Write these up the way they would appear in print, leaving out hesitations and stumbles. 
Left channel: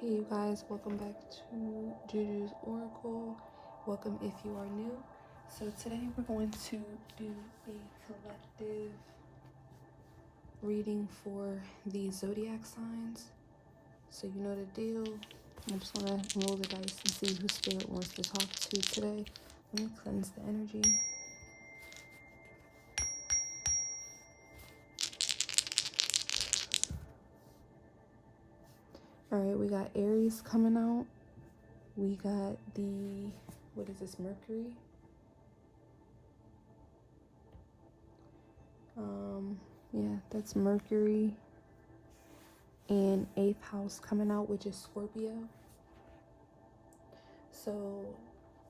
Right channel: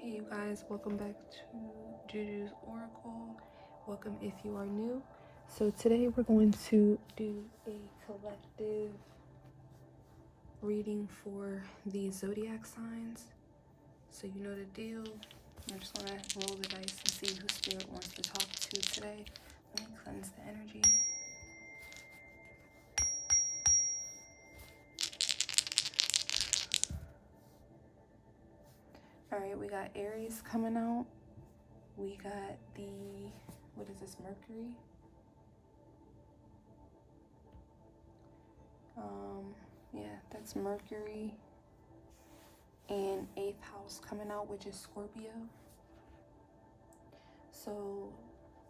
Hey you guys, welcome back to Jujus Oracle. Welcome if you are new. So today we're going to do a collective reading for the zodiac signs. So you know the deal. I'm just gonna roll the dice and see who spirit wants to talk to today. Let me cleanse the energy. Alright, we got Aries coming out. We got the, what is this, Mercury? Yeah, that's Mercury. And 8th house coming out, which is Scorpio. So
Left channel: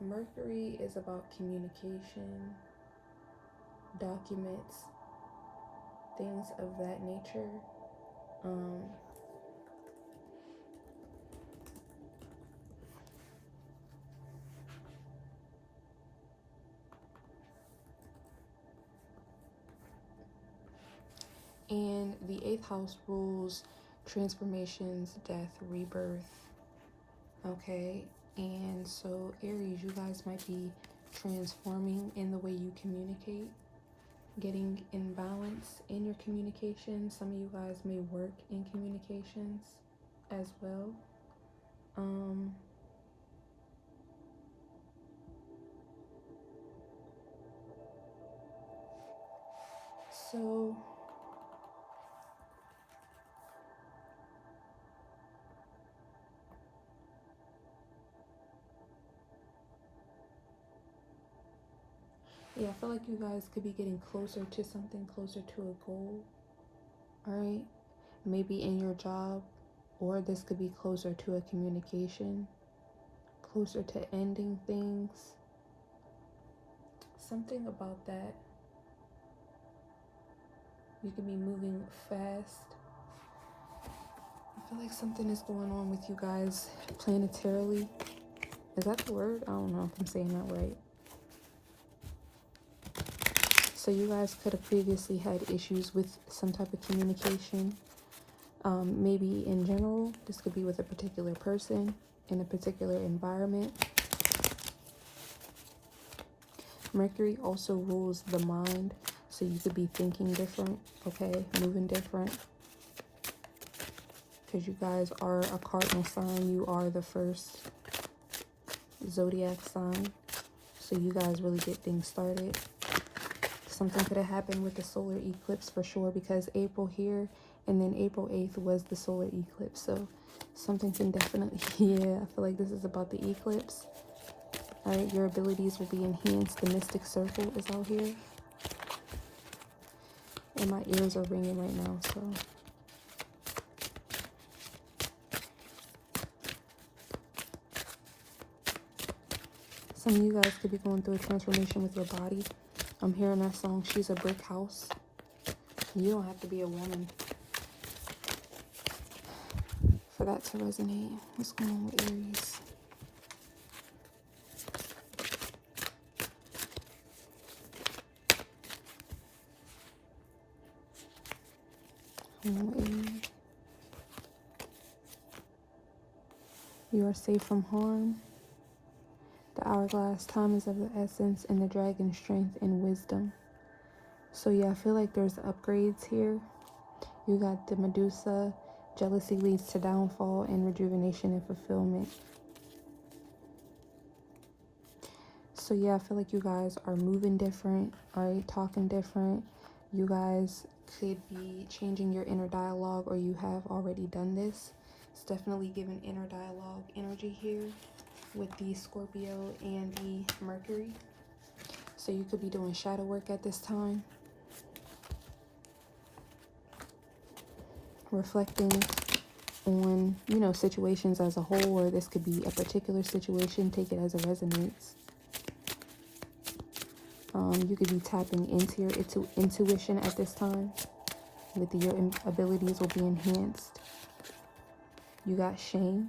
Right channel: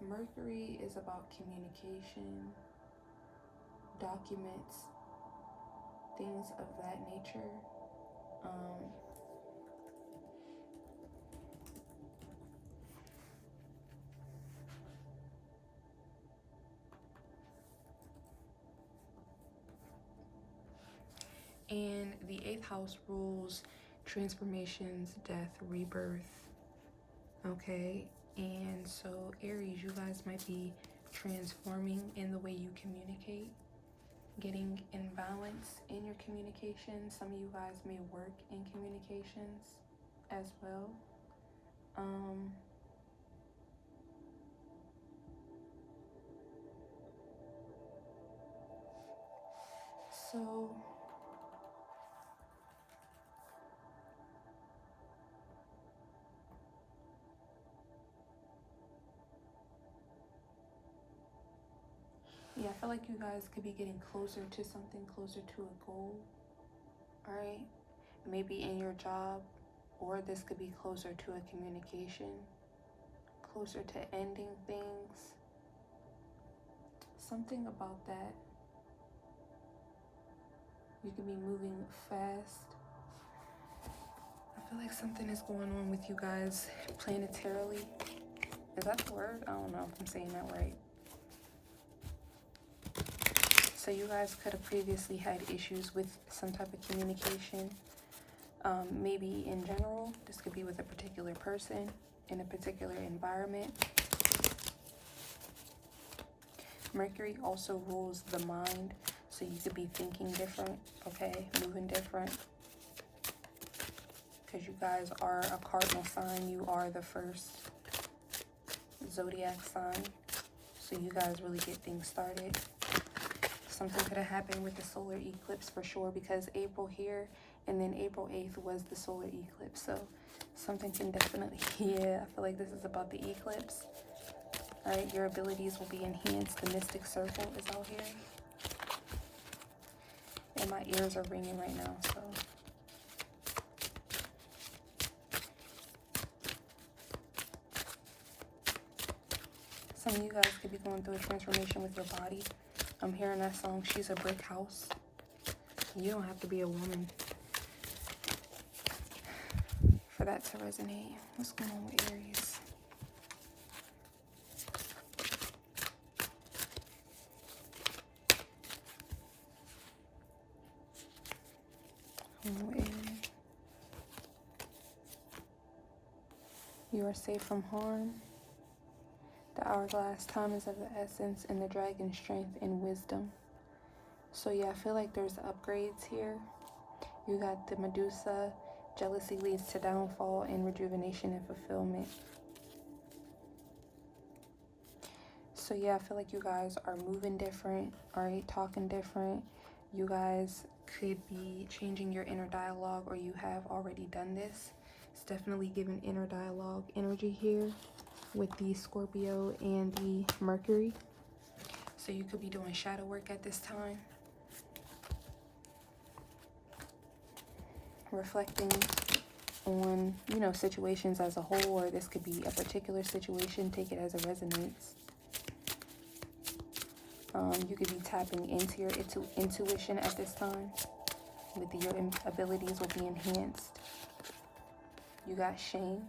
Mercury is about communication, documents, things of that nature. And the 8th house rules transformations, death, rebirth. Okay, and so Aries, you guys might be transforming in the way you communicate, getting in balance in your communication. Some of you guys may work in communications as well. So yeah, I feel like you guys could be getting closer to something, closer to a goal. All right, maybe in your job, or this could be closer to a communication, closer to ending things. Something about that. You could be moving fast. I feel like something is going on with you guys planetarily. Is that the word? I don't know if I'm saying that right. So you guys could have previously had issues with some type of communication. Maybe in general, this could be with a particular person in a particular environment. Mercury also rules the mind, so you could be thinking different, okay, moving different. Because you guys are a cardinal sign, you are the first zodiac sign, so you guys really get things started. Something could have happened with the solar eclipse for sure, because April here and then April 8th was the solar eclipse. So something can definitely, yeah, I feel like this is about the eclipse. All right, your abilities will be enhanced. The mystic circle is out here. And my ears are ringing right now, so. Some of you guys could be going through a transformation with your body. I'm hearing that song, She's a Brick House. You don't have to be a woman for that to resonate. What's going on with Aries? You are safe from harm. The hourglass, time is of the essence, and the dragon, strength and wisdom. So yeah, I feel like there's upgrades here. You got the Medusa, jealousy leads to downfall, and rejuvenation and fulfillment. So yeah, I feel like you guys are moving different, all right, talking different. You guys could be changing your inner dialogue, or you have already done this. It's definitely giving inner dialogue energy here with the Scorpio and the Mercury. So you could be doing shadow work at this time. Reflecting on, you know, situations as a whole, or this could be a particular situation. Take it as a resonance. You could be tapping into your intuition at this time. With your abilities will be enhanced. You got shame.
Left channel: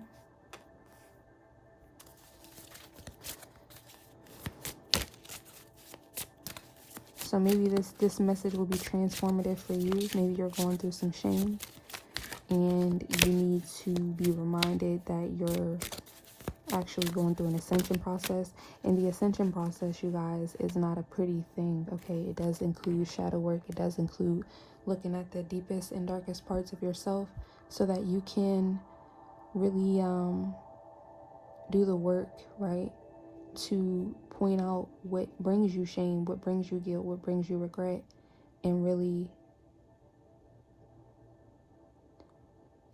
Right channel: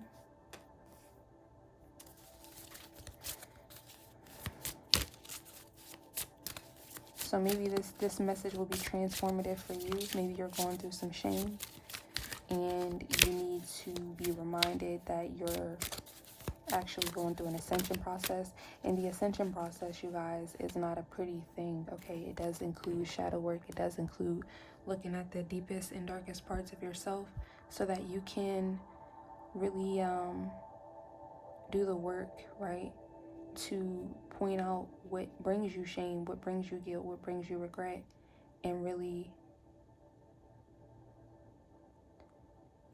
So maybe this message will be transformative for you. Maybe you're going through some shame and you need to be reminded reminded that you're actually going through an ascension process. And the ascension process, you guys, is not a pretty thing, okay? It does include shadow work. It does include looking at the deepest and darkest parts of yourself so that you can really do the work, right? To point out what brings you shame, what brings you guilt, what brings you regret, and really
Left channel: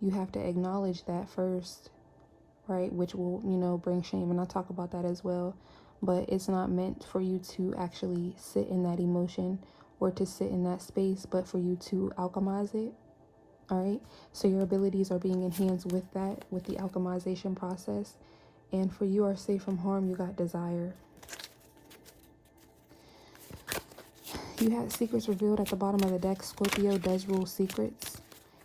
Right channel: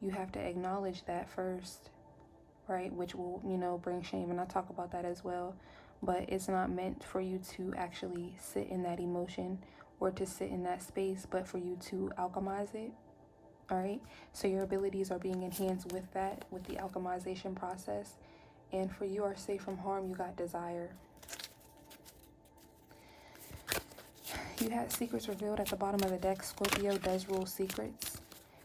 you have to acknowledge that first, right? Which will, you know, bring shame, and I'll talk about that as well. But it's not meant for you to actually sit in that emotion or to sit in that space, but for you to alchemize it. All right, so your abilities are being enhanced with that, with the alchemization process. And for you are safe from harm, you got desire. You had secrets revealed at the bottom of the deck. Scorpio does rule secrets.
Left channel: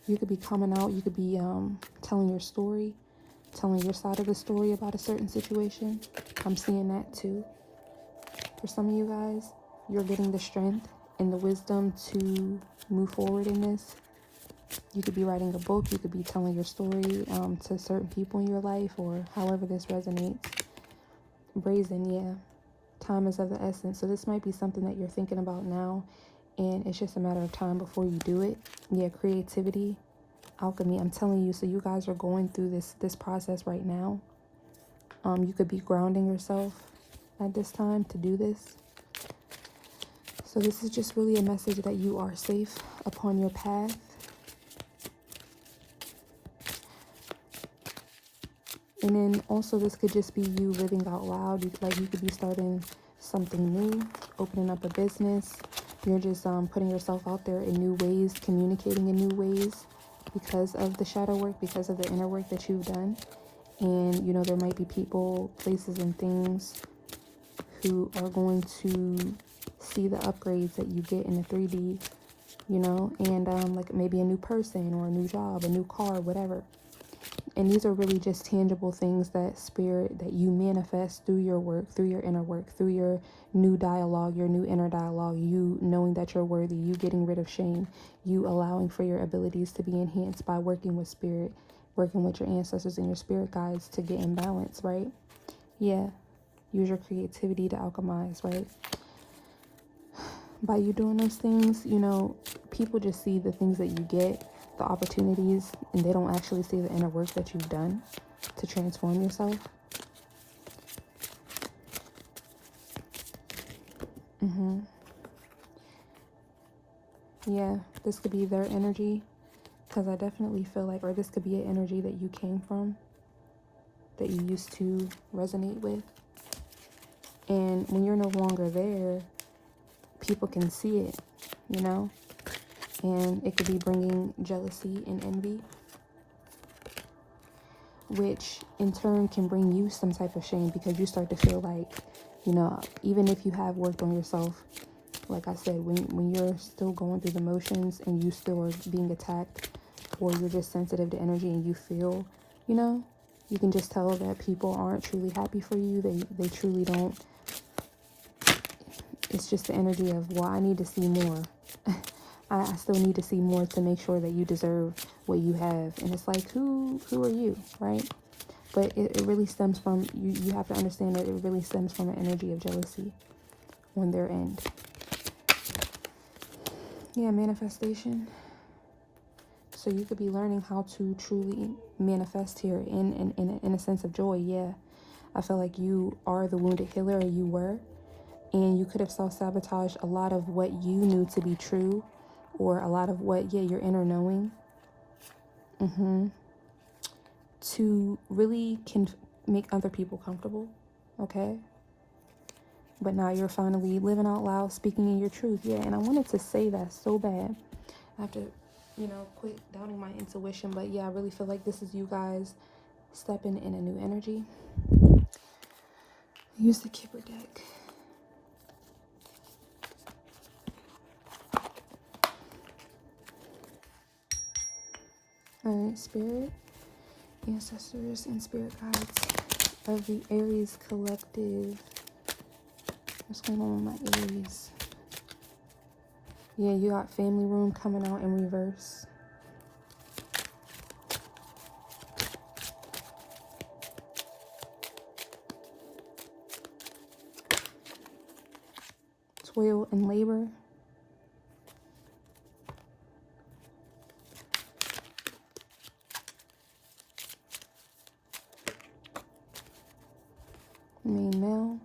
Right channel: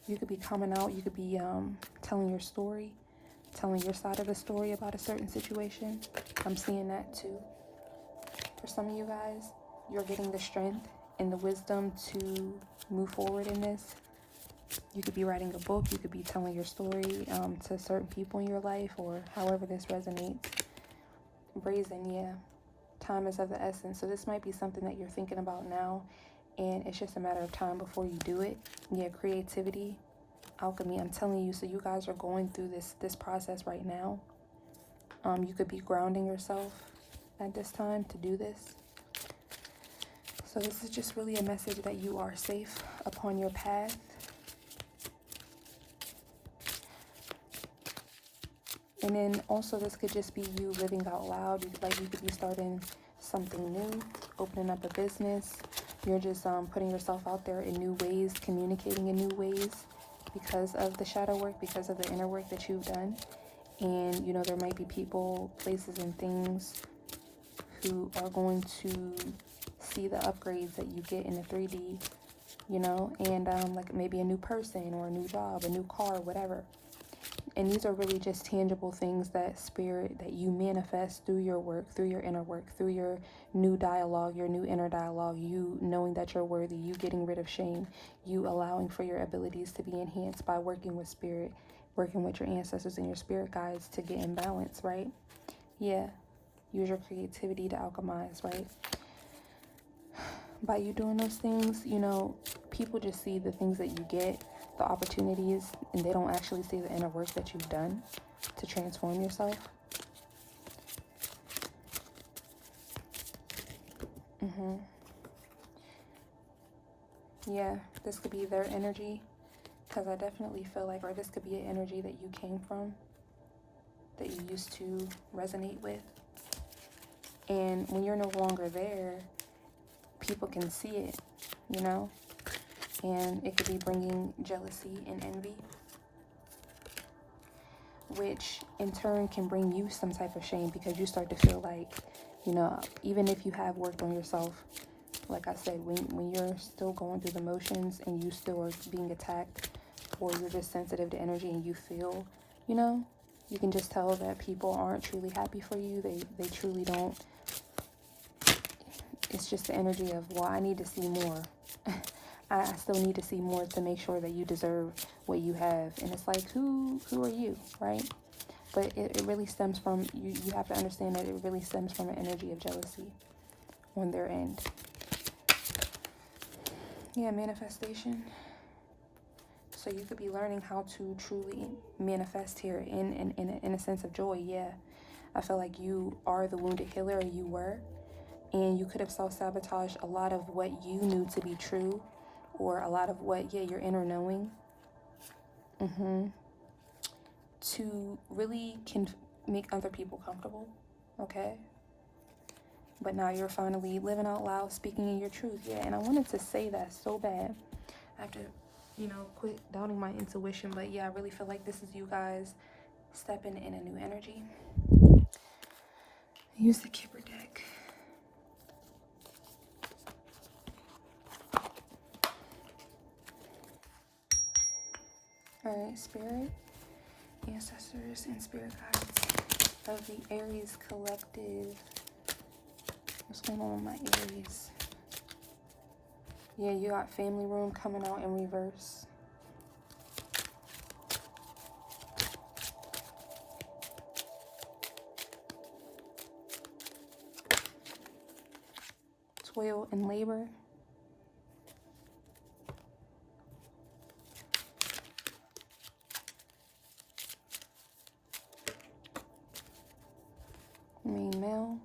You could be coming out, you could be telling your story, telling your side of the story about a certain situation. I'm seeing that too. For some of you guys, you're getting the strength and the wisdom to move forward in this. You could be writing a book, you could be telling your story to certain people in your life, or however this resonates. Brazen, yeah. Time is of the essence. So this might be something that you're thinking about now, and it's just a matter of time before you do it. Yeah, creativity, alchemy, I'm telling you. So you guys are going through this process right now. You could be grounding yourself at this time to do this. So this is just really a message that you are safe upon your path. And then also this could just be you living out loud. Like you could be starting something new, opening up a business. You're just putting yourself out there in new ways, communicating in new ways because of the shadow work, because of the inner work that you've done. And, you know, there might be people, places, and things who are going to see the upgrades that you get in the 3D, you know, and like maybe a new person or a new job, a new car, whatever. And these are really just tangible things that spirit, that you manifest through your work, through your inner work, through your new dialogue, your new inner dialogue, you knowing that you're worthy, you getting rid of shame, you allowing for your abilities to be enhanced by working with spirit, working with your ancestors and your spirit guides to get in balance, right? Yeah. Use your creativity to alchemize, right? By you doing those things, you know, people just see the things that you get, the opportunities, and they don't actually see the inner work that you've done to transform yourself. Yeah, this could be their energy, because I definitely feel like, or this could be an energy that you came from, that you used to resonate with. And when you're no longer there, people can see it, you know? And it could be bringing jealousy and envy, which in turn can bring you some type of shame, because you start to feel like, you know, even if you have worked on yourself, like I said, when you're still going through the motions and you still are being attacked, or you're just sensitive to energy and you feel, you know, you can just tell that people aren't truly happy for you. They truly don't. It's just the energy of, well, I need to see more. I still need to see more to make sure that you deserve what you have. And it's like, who are you, right? But it really stems from, you have to understand that it really stems from an energy of jealousy on their end. Yeah, manifestation. So you could be learning how to truly manifest here in a sense of joy. Yeah, I feel like you are the wounded healer, or you were. And you could have self-sabotaged a lot of what you knew to be true, or a lot of what, your inner knowing, to really make other people comfortable, okay? But now you're finally living out loud, speaking in your truth. Yeah, and I wanted to say that so bad. I have to, you know, quit doubting my intuition. But yeah, I really feel like this is you guys stepping in a new energy. Use the Kipper deck. Alright, spirit, ancestors, and spirit guides of the Aries collective. What's going on with my Aries? Yeah, you got family room coming out in reverse. Toil and labor. Main male.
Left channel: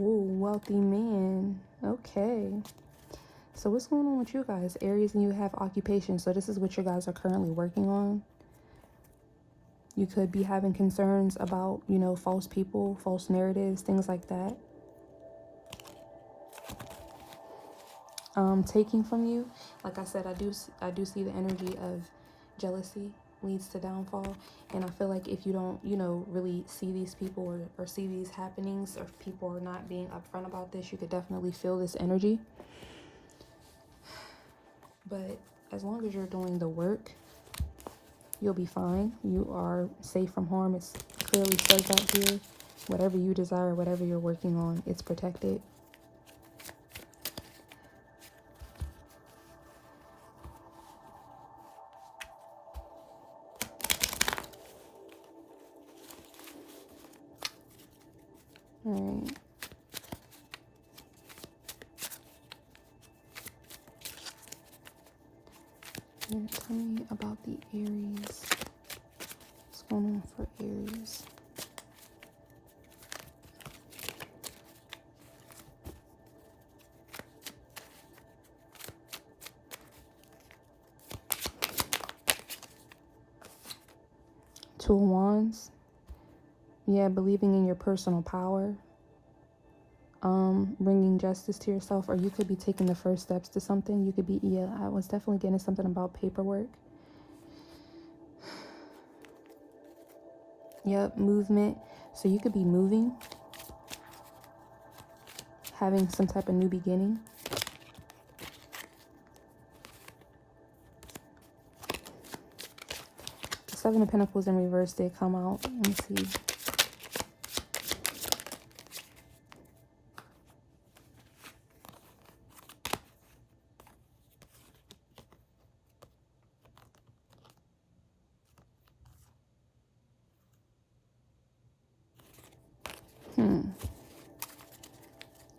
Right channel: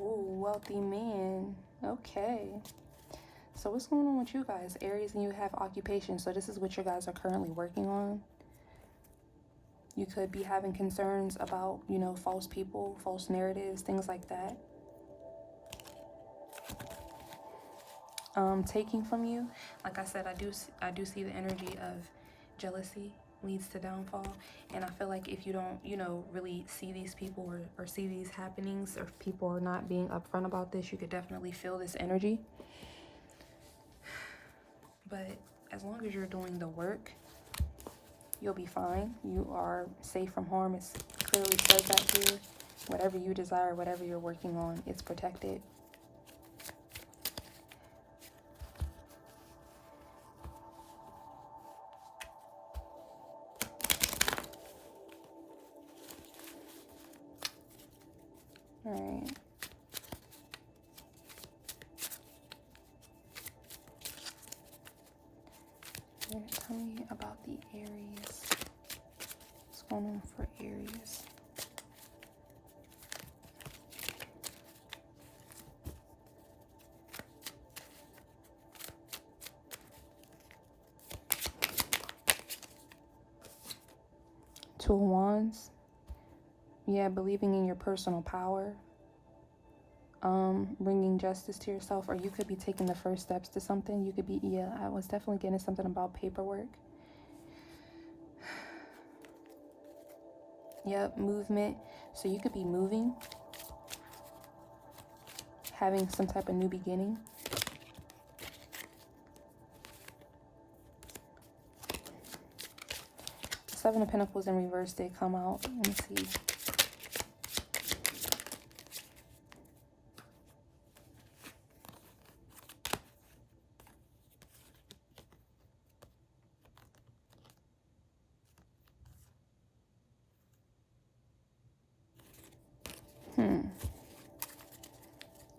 Ooh, wealthy man. Okay. So what's going on with you guys? Aries, and you have occupation. So this is what you guys are currently working on. You could be having concerns about, you know, false people, false narratives, things like that. Taking from you. Like I said, I do see the energy of jealousy leads to downfall. And I feel like if you don't, you know, really see these people or see these happenings, or if people are not being upfront about this, you could definitely feel this energy. But as long as you're doing the work, you'll be fine. You are safe from harm. It's clearly says that here. Whatever you desire, whatever you're working on, it's protected. All right. Tell me about the Aries. What's going on for Aries? Two of Wands. Yeah, believing in your personal power. Bringing justice to yourself, or you could be taking the first steps to something. You could be, yeah, I was definitely getting something about paperwork. Yep, movement. So you could be moving, having some type of new beginning. Seven of Pentacles in reverse, they come out. Let me see.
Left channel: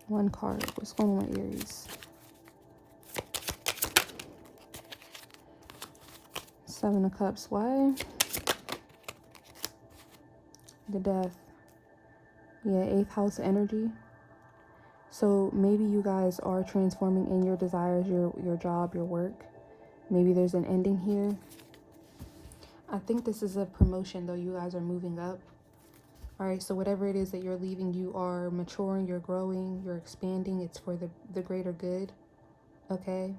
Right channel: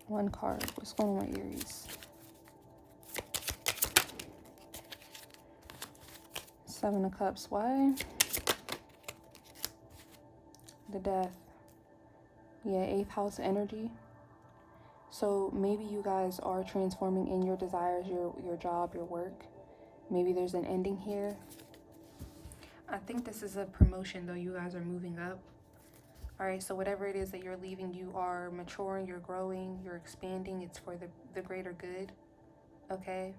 One card. What's going on, Aries? Seven of Cups. Why? The Death. Yeah, 8th house energy. So maybe you guys are transforming in your desires, your job, your work. Maybe there's an ending here. I think this is a promotion, though. You guys are moving up. All right, so whatever it is that you're leaving, you are maturing, you're growing, you're expanding. It's for the greater good, okay?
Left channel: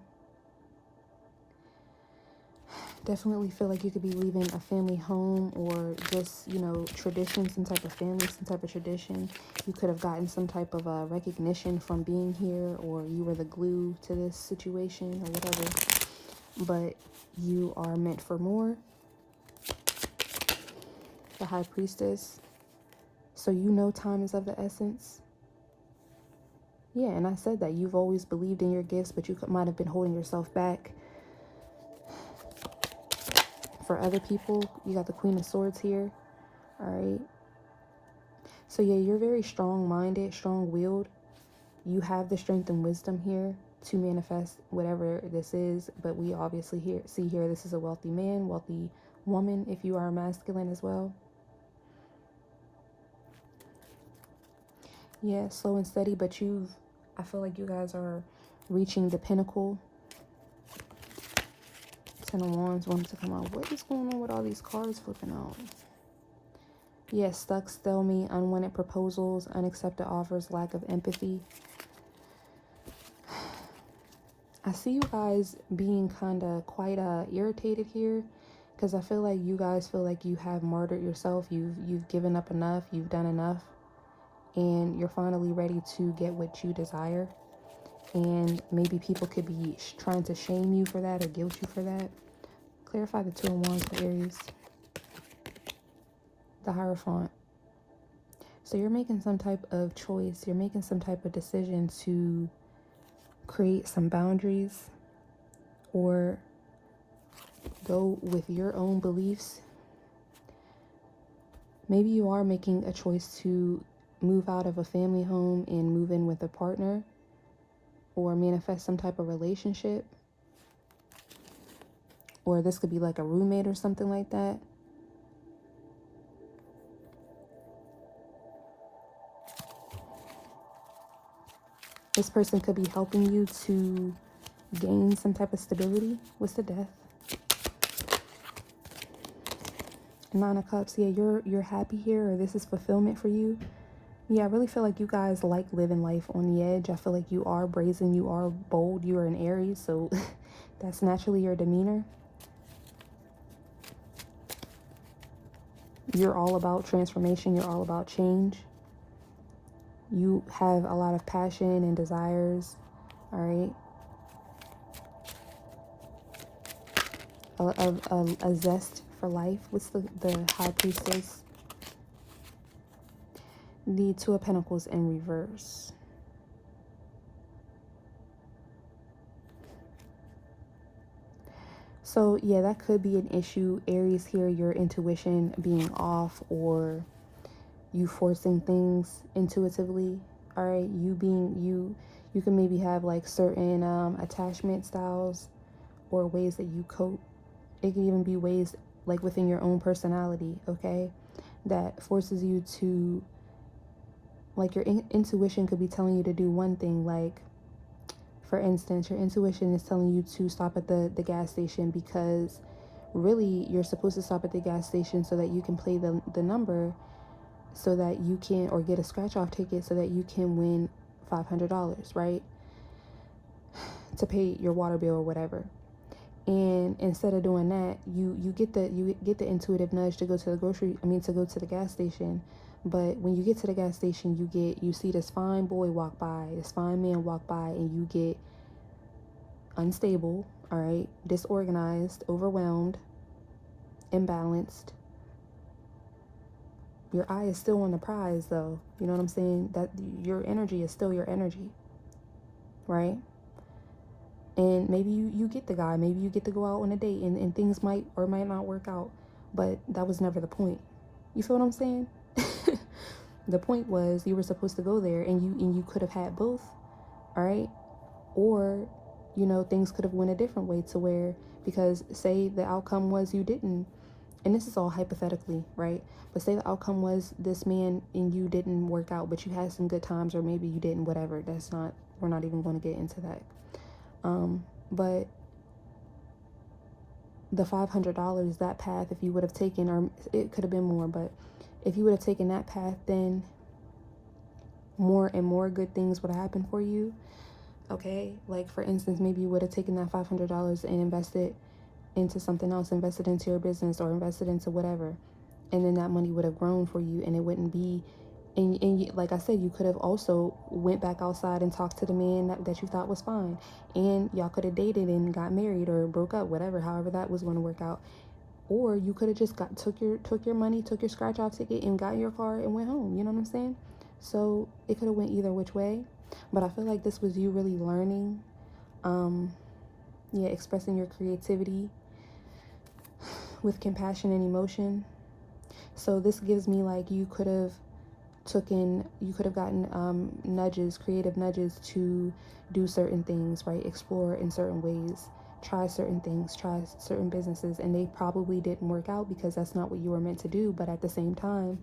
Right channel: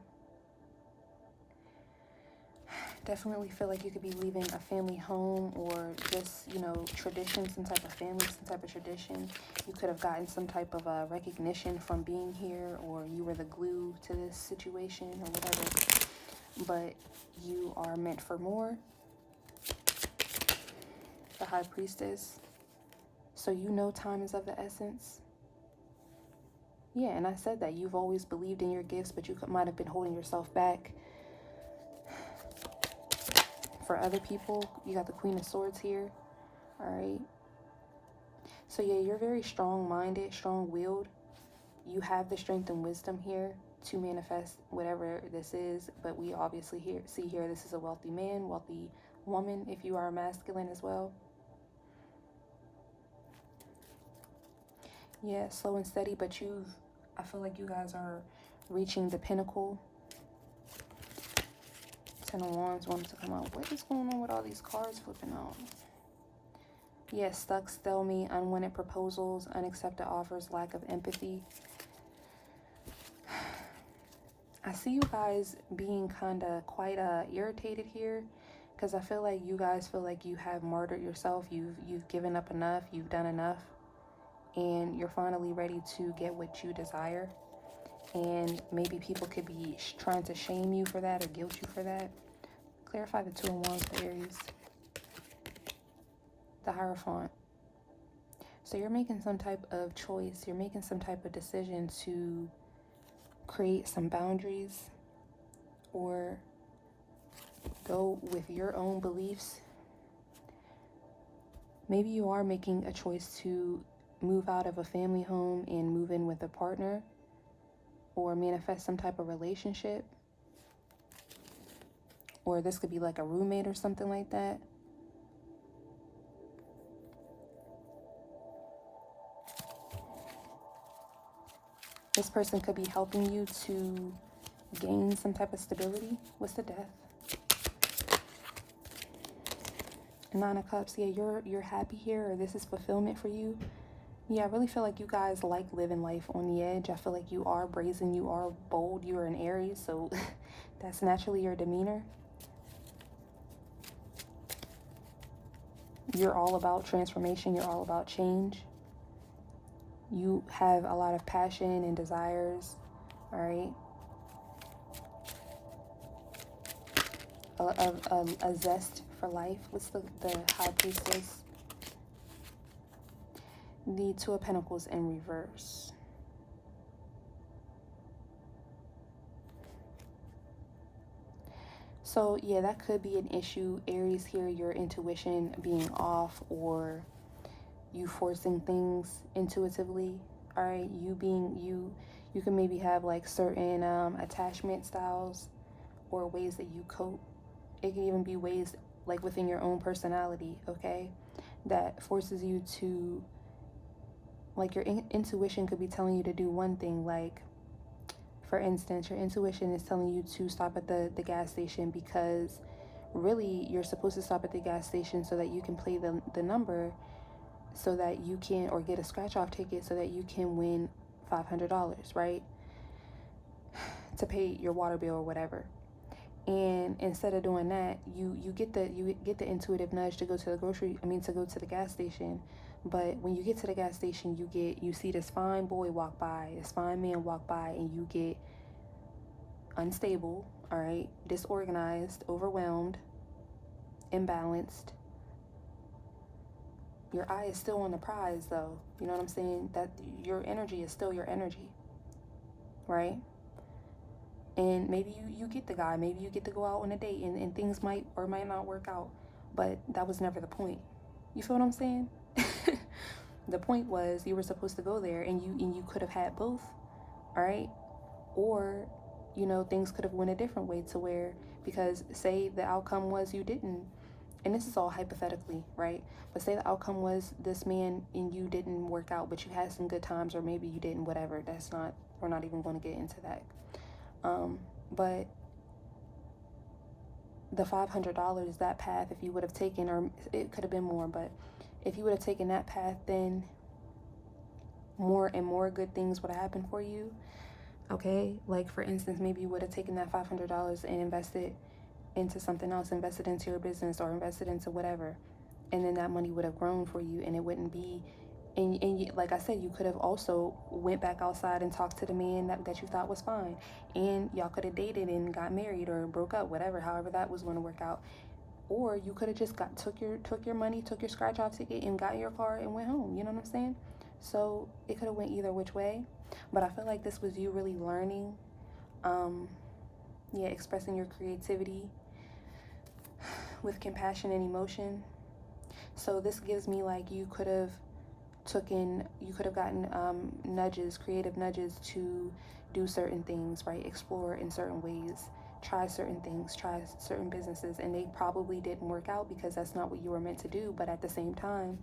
Definitely feel like you could be leaving a family home, or just, you know, tradition, some type of family, some type of tradition. You could have gotten some type of recognition from being here, or you were the glue to this situation, or whatever. But you are meant for more. The High Priestess. So you know time is of the essence. Yeah, and I said that you've always believed in your gifts, but you might have been holding yourself back. For other people, you got the Queen of Swords here. All right. So yeah, you're very strong-minded, strong-willed. You have the strength and wisdom here to manifest whatever this is. But we obviously see here this is a wealthy man, wealthy woman, if you are masculine as well. Yeah, slow and steady, but I feel like you guys are reaching the pinnacle. Ten of Wands wanted to come out. What is going on with all these cards flipping out? Yeah, stuck, stalemate, unwanted proposals, unaccepted offers, lack of empathy. I see you guys being kind of quite irritated here, because I feel like you guys feel like you have martyred yourself. You've given up enough. You've done enough. And you're finally ready to get what you desire. And maybe people could be trying to shame you for that or guilt you for that. Clarify the Two of Wands for Aries. The Hierophant. So you're making some type of choice. You're making some type of decision to create some boundaries, or go with your own beliefs. Maybe you are making a choice to move out of a family home and move in with a partner, or manifest some type of relationship. Or this could be like a roommate or something like that. This person could be helping you to gain some type of stability. What's the Death? Nine of Cups. Yeah, you're happy here, or this is fulfillment for you. Yeah, I really feel like you guys like living life on the edge. I feel like you are brazen, you are bold, you are an Aries, so that's naturally your demeanor. You're all about transformation, you're all about change. You have a lot of passion and desires, all right? A zest for life. What's the High Priestess? The Two of Pentacles in reverse. So yeah, that could be an issue. Aries here, your intuition being off, or you forcing things intuitively. All right, you can maybe have like certain attachment styles or ways that you cope. It can even be ways like within your own personality, okay, that forces you to, like, your intuition could be telling you to do one thing. Like, for instance, your intuition is telling you to stop at the gas station because really you're supposed to stop at the gas station so that you can play the number, so that you can, or get a scratch off ticket so that you can win $500, right, to pay your water bill or whatever. And instead of doing that, you get the intuitive nudge to go to the gas station. But when you get to the gas station, you see this fine boy walk by, this fine man walk by, and you get unstable, all right, disorganized, overwhelmed, imbalanced. Your eye is still on the prize, though. You know what I'm saying? That your energy is still your energy, right? And maybe you get the guy, maybe you get to go out on a date, and things might or might not work out, but that was never the point. You feel what I'm saying? The point was you were supposed to go there, and you could have had both, all right? Or, you know, things could have went a different way, to where, because say the outcome was you didn't, and this is all hypothetically, right? But say the outcome was this man and you didn't work out, but you had some good times, or maybe you didn't, whatever. We're not even going to get into that. But the $500, that path, if you would have taken, or it could have been more, but if you would have taken that path, then more and more good things would have happened for you. Okay, like for instance, maybe you would have taken that $500 and invested into something else, invested into your business, or invested into whatever, and then that money would have grown for you, and it wouldn't be, and you, like I said, you could have also went back outside and talked to the man that you thought was fine, and y'all could have dated and got married or broke up, whatever, however that was going to work out. Or you could have just took your money, took your scratch off ticket, and got in your car and went home. You know what I'm saying? So it could have went either which way, but I feel like this was you really learning, expressing your creativity with compassion and emotion. So this gives me like you could have gotten nudges, creative nudges to do certain things, right? Explore in certain ways, try certain things, try certain businesses, and they probably didn't work out because that's not what you were meant to do. But at the same time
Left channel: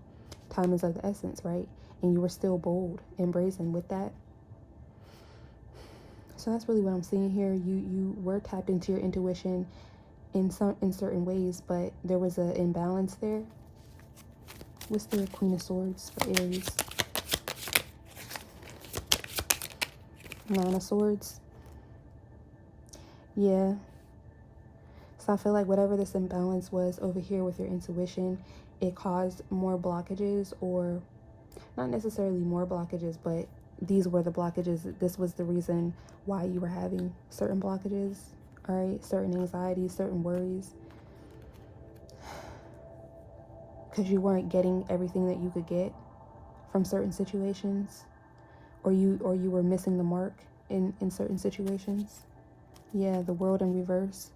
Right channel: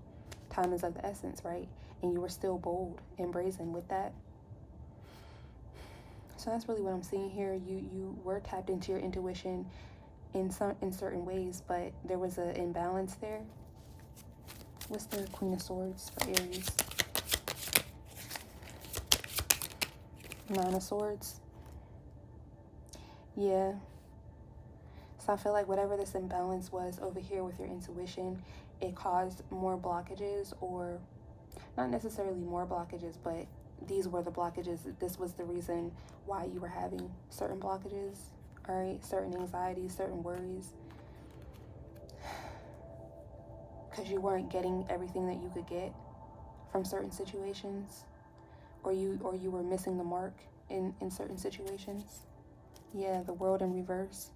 is of the essence, right? And you were still bold and brazen with that. So that's really what I'm seeing here. You were tapped into your intuition in certain ways, but there was an imbalance there. What's the Queen of Swords for Aries? Nine of Swords. Yeah. So I feel like whatever this imbalance was over here with your intuition, it caused more blockages, or not necessarily more blockages, but these were the blockages. This was the reason why you were having certain blockages, all right? Certain anxieties, certain worries. Because you weren't getting everything that you could get from certain situations, or you were missing the mark in certain situations. Yeah, the World in reverse.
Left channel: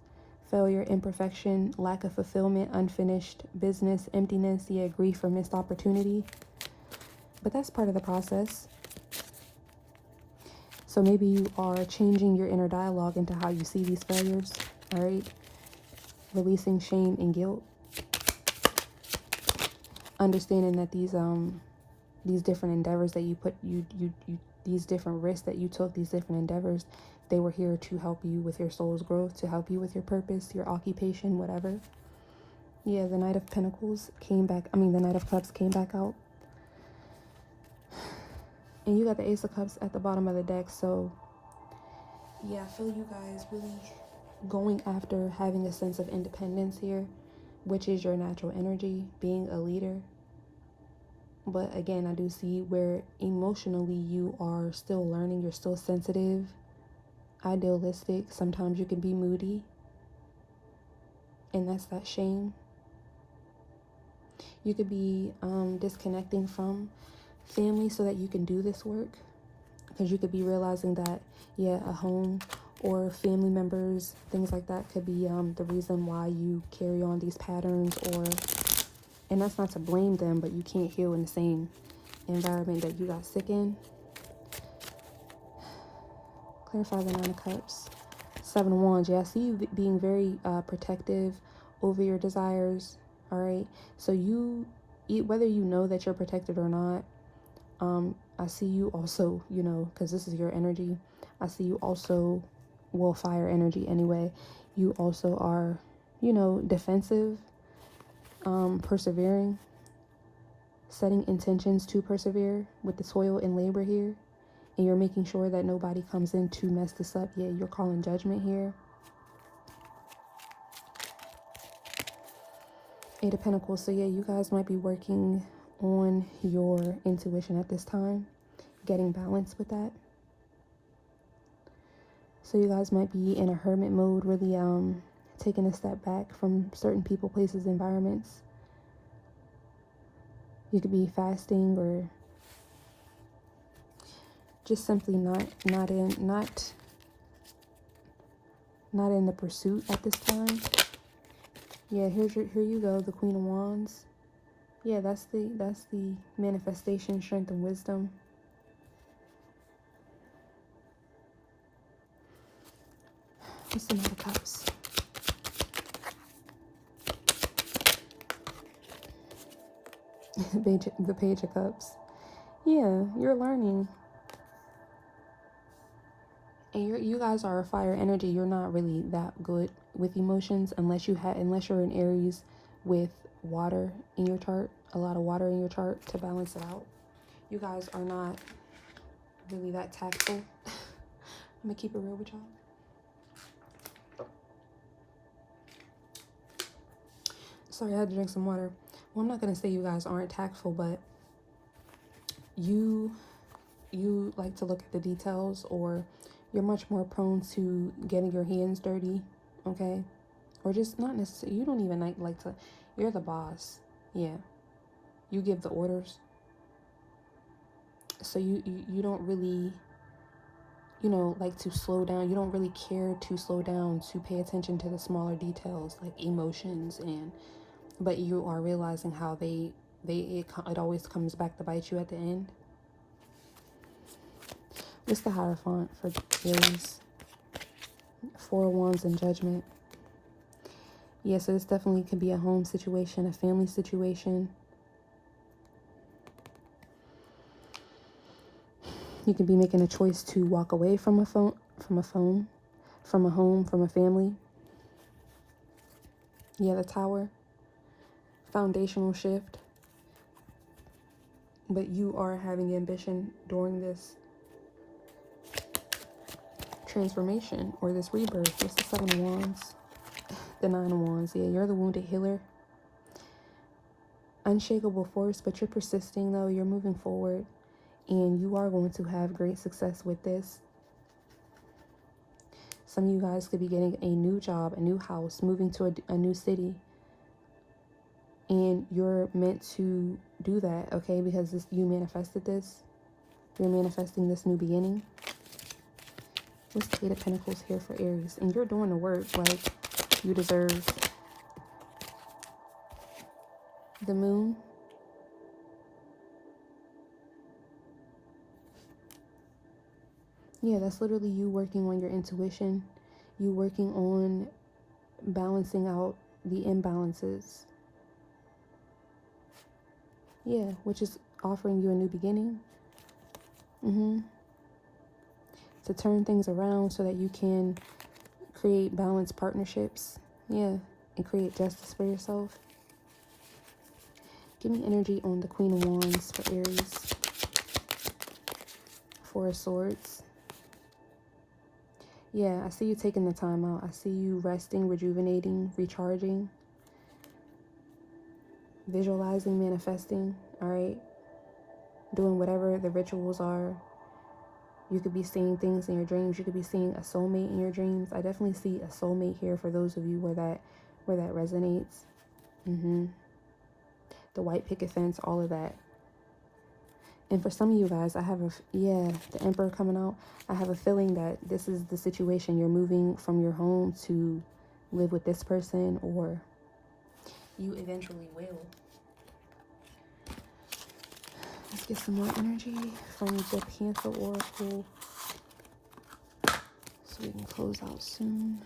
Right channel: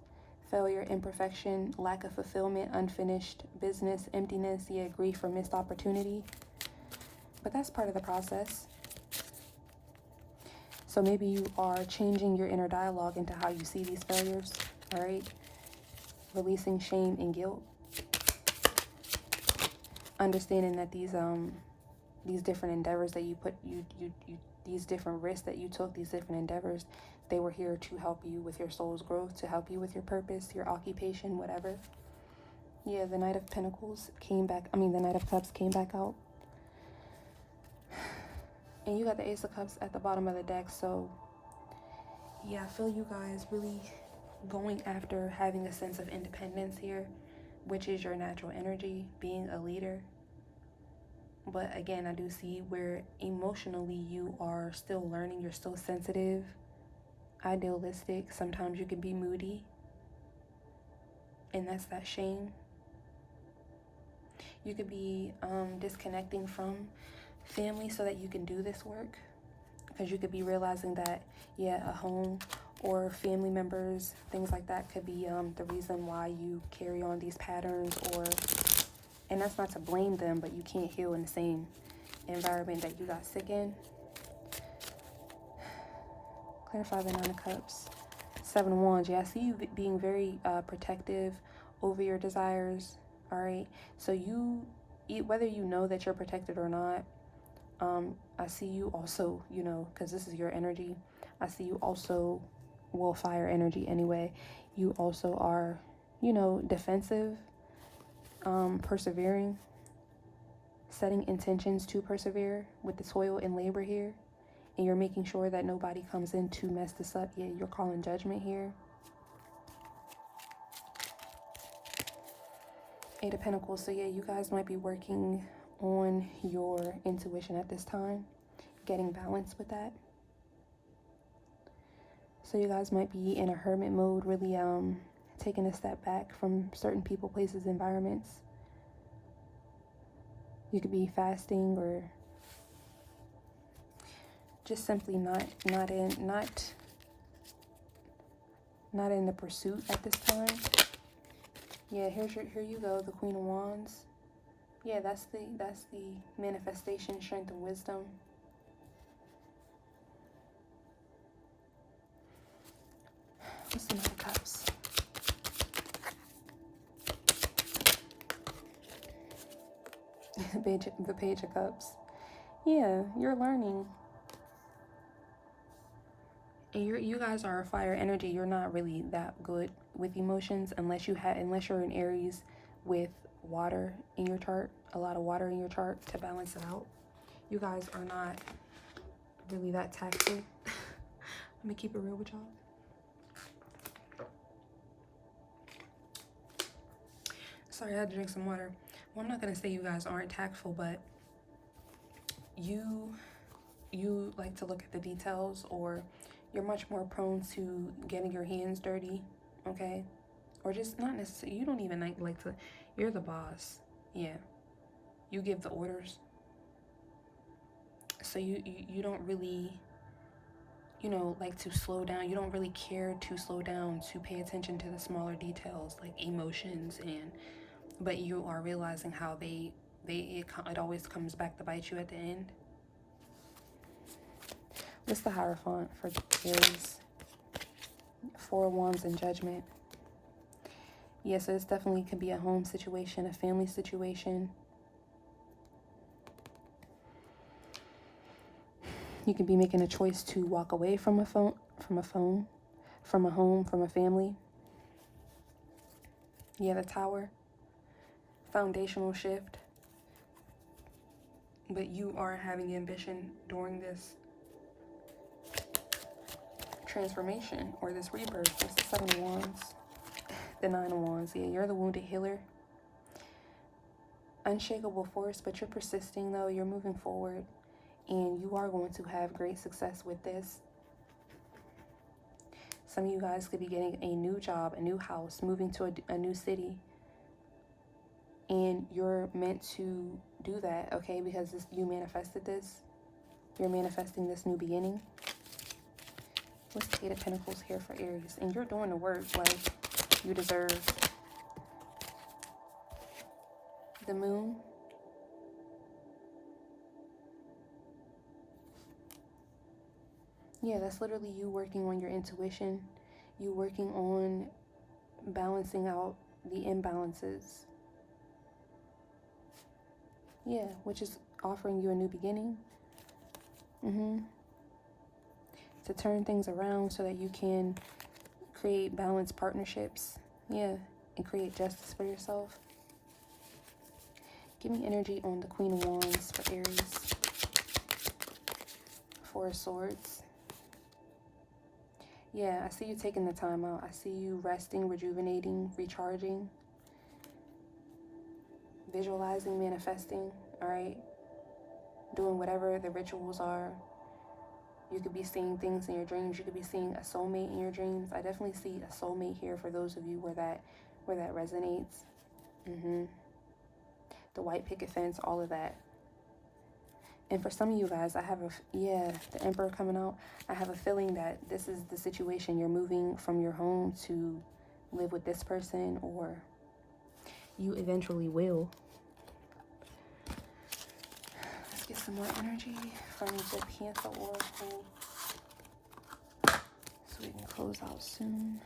Failure, imperfection, lack of fulfillment, unfinished business, emptiness, yeah, grief or missed opportunity. But that's part of the process. So maybe you are changing your inner dialogue into how you see these failures, all right? Releasing shame and guilt. Understanding that these different endeavors that you put, these different risks that you took, these different endeavors, they were here to help you with your soul's growth, to help you with your purpose, your occupation, whatever. Yeah, the Knight of Pentacles came back. I mean, the Knight of Cups came back out. And you got the Ace of Cups at the bottom of the deck. So, yeah, I feel you guys really going after having a sense of independence here, which is your natural energy, being a leader. But again, I do see where emotionally you are still learning. You're still sensitive, idealistic. Sometimes you can be moody. And that's that shame. You could be disconnecting from family so that you can do this work, because you could be realizing that, yeah, a home or family members, things like that, could be the reason why you carry on these patterns. Or, and that's not to blame them, but you can't heal in the same environment that you got sick in. Clarify the Nine of Cups. Seven of Wands. Yeah, I see you being very protective over your desires. All right, so you, whether you know that you're protected or not, I see you also, you know, because this is your energy, I see you also, well, fire energy anyway, you also are, you know, defensive, persevering, setting intentions to persevere with the toil and labor here, and you're making sure that nobody comes in to mess this up. Yeah, you're calling judgment here. Eight of Pentacles. So yeah, you guys might be working on your intuition at this time, getting balance with that. So you guys might be in a hermit mode, really taking a step back from certain people, places, environments. You could be fasting, or just simply not in the pursuit at this time. Yeah, here you go, the Queen of Wands. Yeah, that's the manifestation, strength, and wisdom. What's the Knight of Cups? The Page of Cups. Yeah, you're learning. And you guys are a fire energy. You're not really that good with emotions unless you're an Aries with water in your chart, a lot of water in your chart to balance it out. You guys are not really that tactful. I'm gonna keep it real with y'all. Sorry, I had to drink some water. Well, I'm not gonna say you guys aren't tactful, but you like to look at the details, or you're much more prone to getting your hands dirty, okay? Or just not necessarily, you don't even like to, you're the boss. Yeah, you give the orders. So you don't really, you know, like to slow down. You don't really care to slow down, to pay attention to the smaller details like emotions, but you are realizing how it always comes back to bite you at the end. What's the Hierophant for Aries? Four of Wands and Judgment. Yeah, so this definitely could be a home situation, a family situation. You could be making a choice to walk away from a home, from a family. Yeah, the Tower. Foundational shift. But you are having ambition during this transformation or this rebirth. This is the Seven of Wands. The Nine of Wands. Yeah, you're the wounded healer. Unshakable force, but you're persisting though. You're moving forward, and you are going to have great success with this. Some of you guys could be getting a new job, a new house, moving to a new city. And you're meant to do that, okay? Because you manifested this. You're manifesting this new beginning. What's the Eight of Pentacles here for Aries? And you're doing the work. Like, You deserve the Moon. Yeah, that's literally you working on your intuition. You working on balancing out the imbalances. Yeah, which is offering you a new beginning. To turn things around so that you can create balanced partnerships. Yeah, and create justice for yourself. Give me energy on the Queen of Wands for Aries. Four of Swords. Yeah, I see you taking the time out. I see you resting, rejuvenating, recharging, visualizing, manifesting, all right? Doing whatever the rituals are. You could be seeing things in your dreams. You could be seeing a soulmate in your dreams. I definitely see a soulmate here for those of you where that resonates. The white picket fence, all of that. And for some of you guys, I have the Emperor coming out. I have a feeling that this is the situation. You're moving from your home to live with this person, or you eventually will. Let's get some more energy from the Panther Oracle so we can close out soon.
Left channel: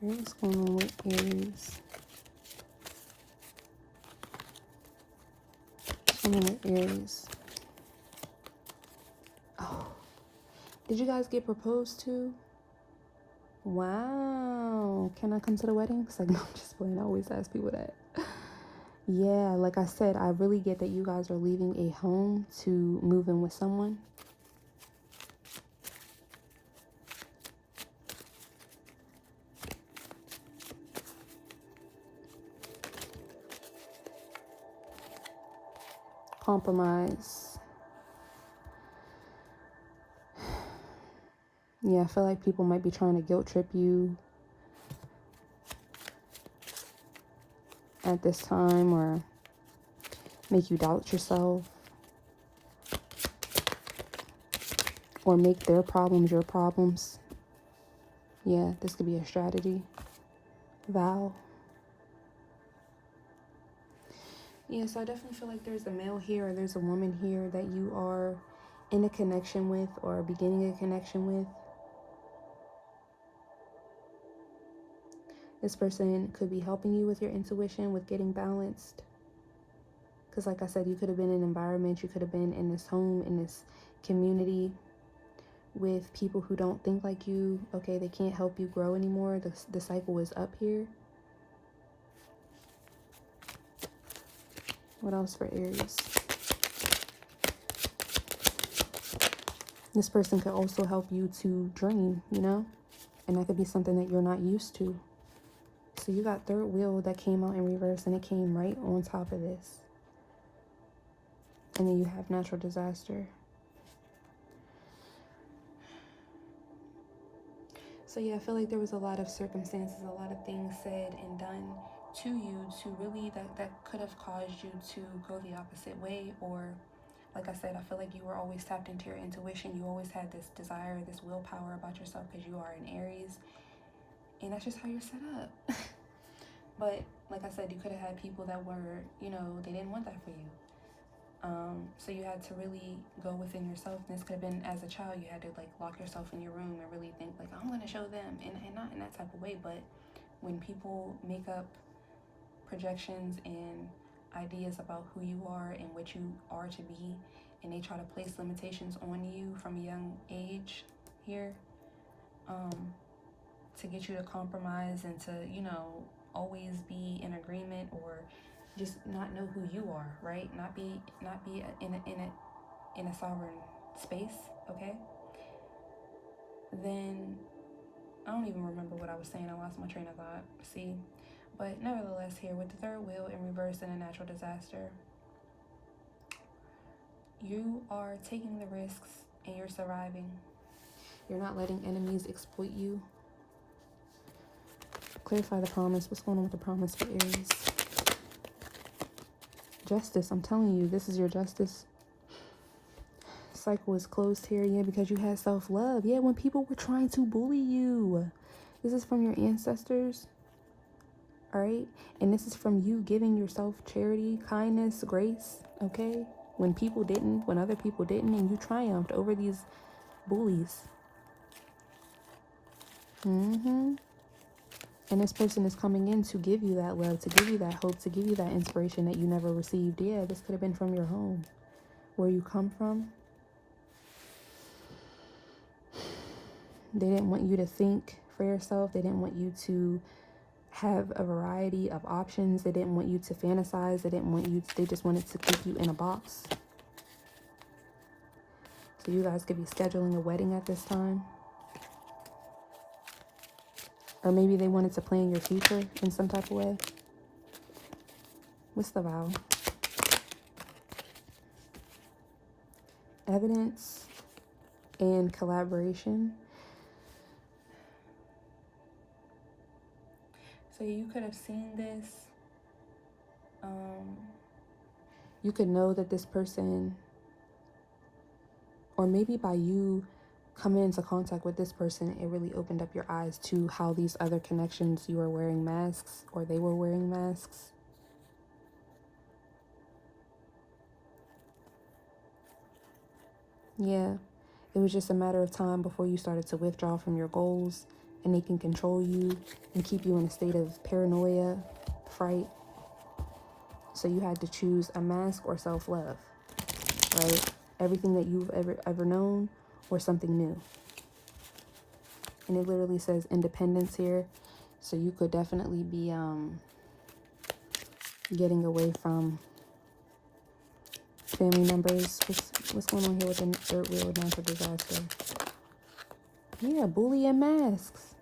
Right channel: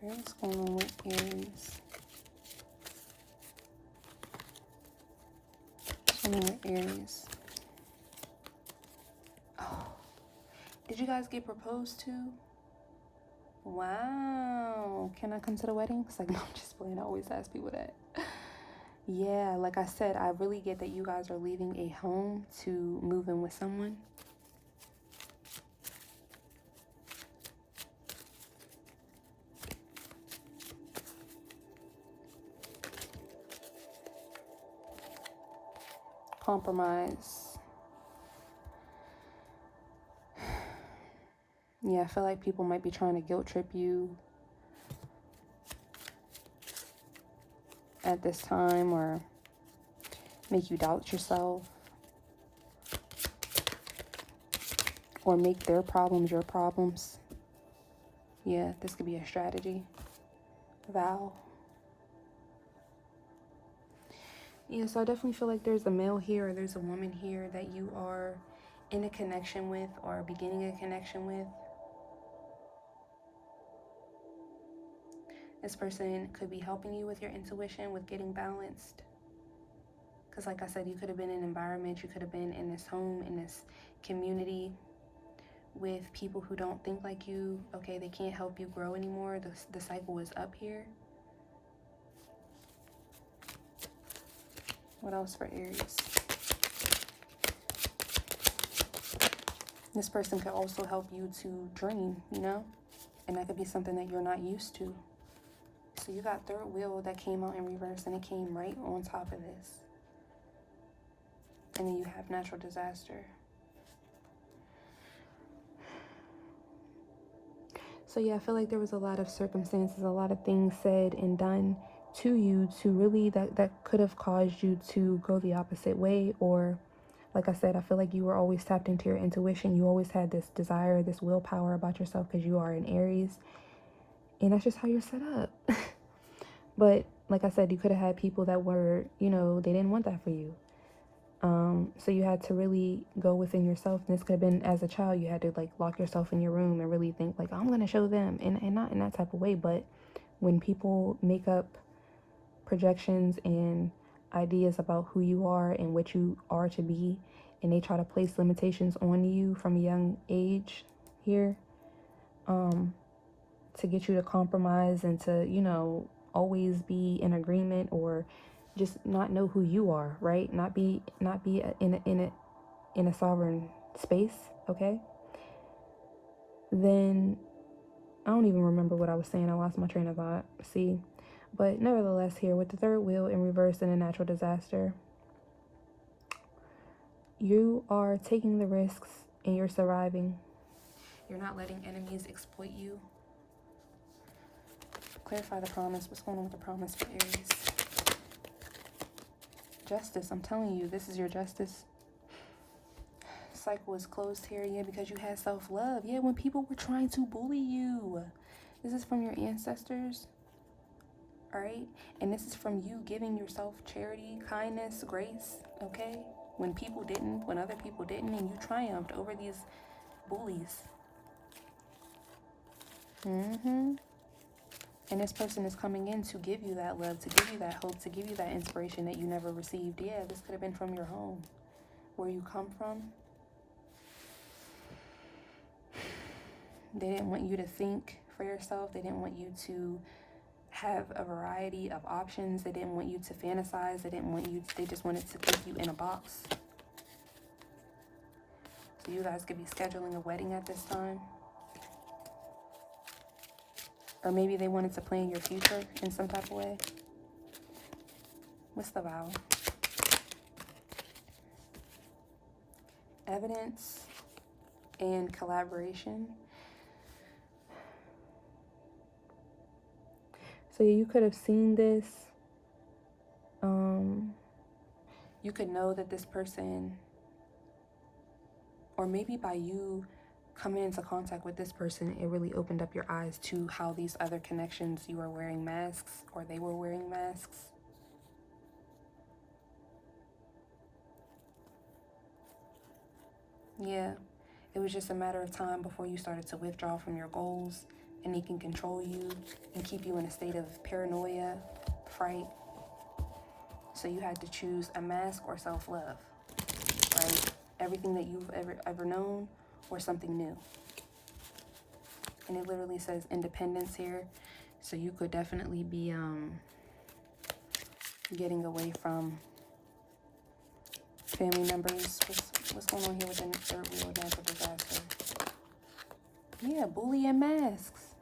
What's going on with Aries? What's going on with Aries? Oh, did you guys get proposed to? Wow. Can I come to the wedding? Because I'm just playing. I always ask people that. Yeah, like I said, I really get that you guys are leaving a home to move in with someone. Compromise. Yeah, I feel like people might be trying to guilt trip you at this time, or make you doubt yourself, or make their problems your problems. Yeah, this could be a strategy. Vow. Yeah, so I definitely feel like there's a male here or there's a woman here that you are in a connection with or beginning a connection with. This person could be helping you with your intuition, with getting balanced. Because like I said, you could have been in an environment, you could have been in this home, in this community with people who don't think like you. Okay, they can't help you grow anymore. The cycle is up here. What else for Aries? This person could also help you to dream, you know? And that could be something that you're not used to. So you got third wheel that came out in reverse, and it came right on top of this. And then you have natural disaster. So yeah, I feel like there was a lot of circumstances, a lot of things said and done to you to really that could have caused you to go the opposite way. Or like I said, I feel like you were always tapped into your intuition. You always had this desire, this willpower about yourself because you are an Aries. And that's just how you're set up. But like I said, you could have had people that were, you know, they didn't want that for you. So you had to really go within yourself. And this could have been as a child, you had to like lock yourself in your room and really think like, I'm going to show them, and not in that type of way. But when people make up projections and ideas about who you are and what you are to be, and they try to place limitations on you from a young age here, to get you to compromise and to, you know, always be in agreement or just not know who you are, right? Not be in a sovereign space, okay? Then I don't even remember what I was saying. I lost my train of thought. See, but nevertheless, here with the third wheel in reverse and a natural disaster, You are taking the risks and you're surviving. You're not letting enemies exploit you. Clarify the promise. What's going on with the promise for Aries? Justice. I'm telling you, this is your justice cycle is closed here. Yeah, because you had self-love. Yeah, when people were trying to bully you. This is from your ancestors. All right? And this is from you giving yourself charity, kindness, grace. Okay? When people didn't, when other people didn't, and you triumphed over these bullies. And this person is coming in to give you that love, to give you that hope, to give you that inspiration that you never received. Yeah, this could have been from your home, where you come from. They didn't want you to think for yourself. They didn't want you to have a variety of options. They didn't want you to fantasize. They didn't want you to, they just wanted to keep you in a box. So you guys could be scheduling a wedding at this time. Or maybe they wanted to plan your future in some type of way. What's the vow? Evidence and collaboration. So you could have seen this. You could know that this person, or maybe by you coming into contact with this person, it really opened up your eyes to how these other connections, you were wearing masks, or they were wearing masks. Yeah, it was just a matter of time before you started to withdraw from your goals, and they can control you and keep you in a state of paranoia, fright. So you had to choose a mask or self-love, right? Everything that you've ever known or something new. And it literally says independence here. So you could definitely be getting away from family members. What's going on here with the third wheel of natural disaster? Yeah, bully and masks.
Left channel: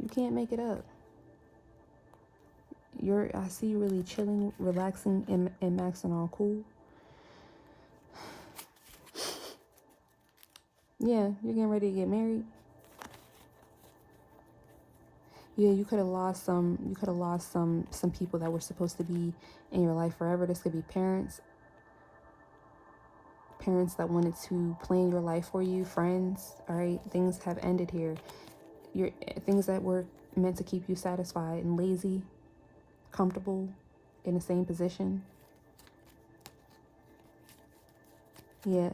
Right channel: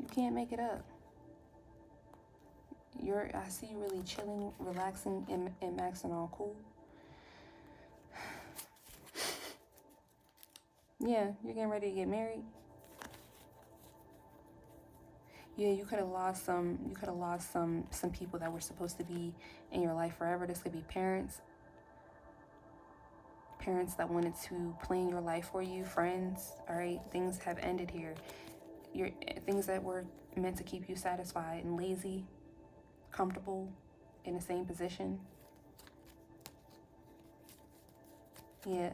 You can't make it up. I see you really chilling, relaxing, and maxing on cool. Yeah, you're getting ready to get married. Yeah, you could have lost some people that were supposed to be in your life forever. This could be parents that wanted to plan your life for you, friends. All right, things have ended here. Things that were meant to keep you satisfied and lazy, comfortable in the same position. Yeah,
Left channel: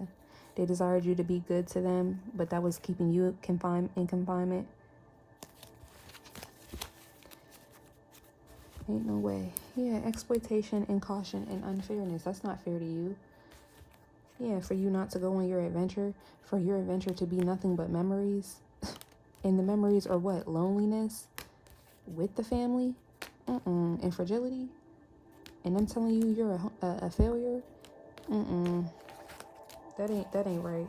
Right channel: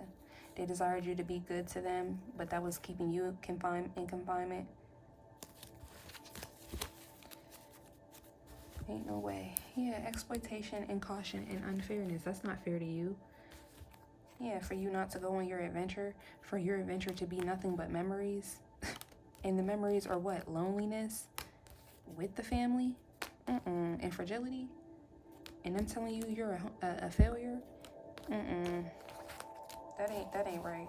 they desired you to be good to them, but that was keeping you in confinement. Ain't no way. Yeah, exploitation and caution and unfairness. That's not fair to you. Yeah, for you not to go on your adventure, for your adventure to be nothing but memories. And the memories are what? Loneliness with the family, and fragility. And them telling you you're a failure. That ain't right.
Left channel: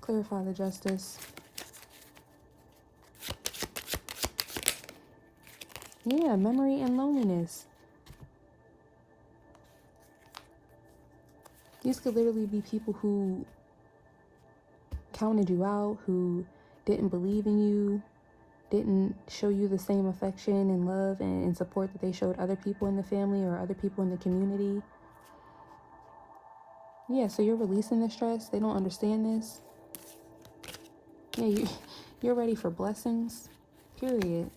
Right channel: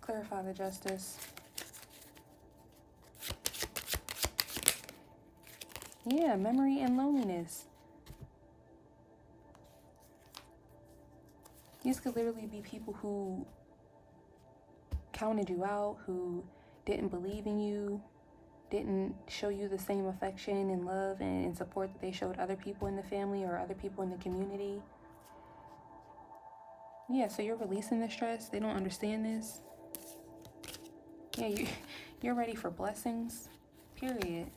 Clarify the justice. Yeah, memory and loneliness. These could literally be people who counted you out, who didn't believe in you, didn't show you the same affection and love and support that they showed other people in the family or other people in the community. Yeah, so you're releasing the stress. They don't understand this. Yeah, you're ready for blessings, period.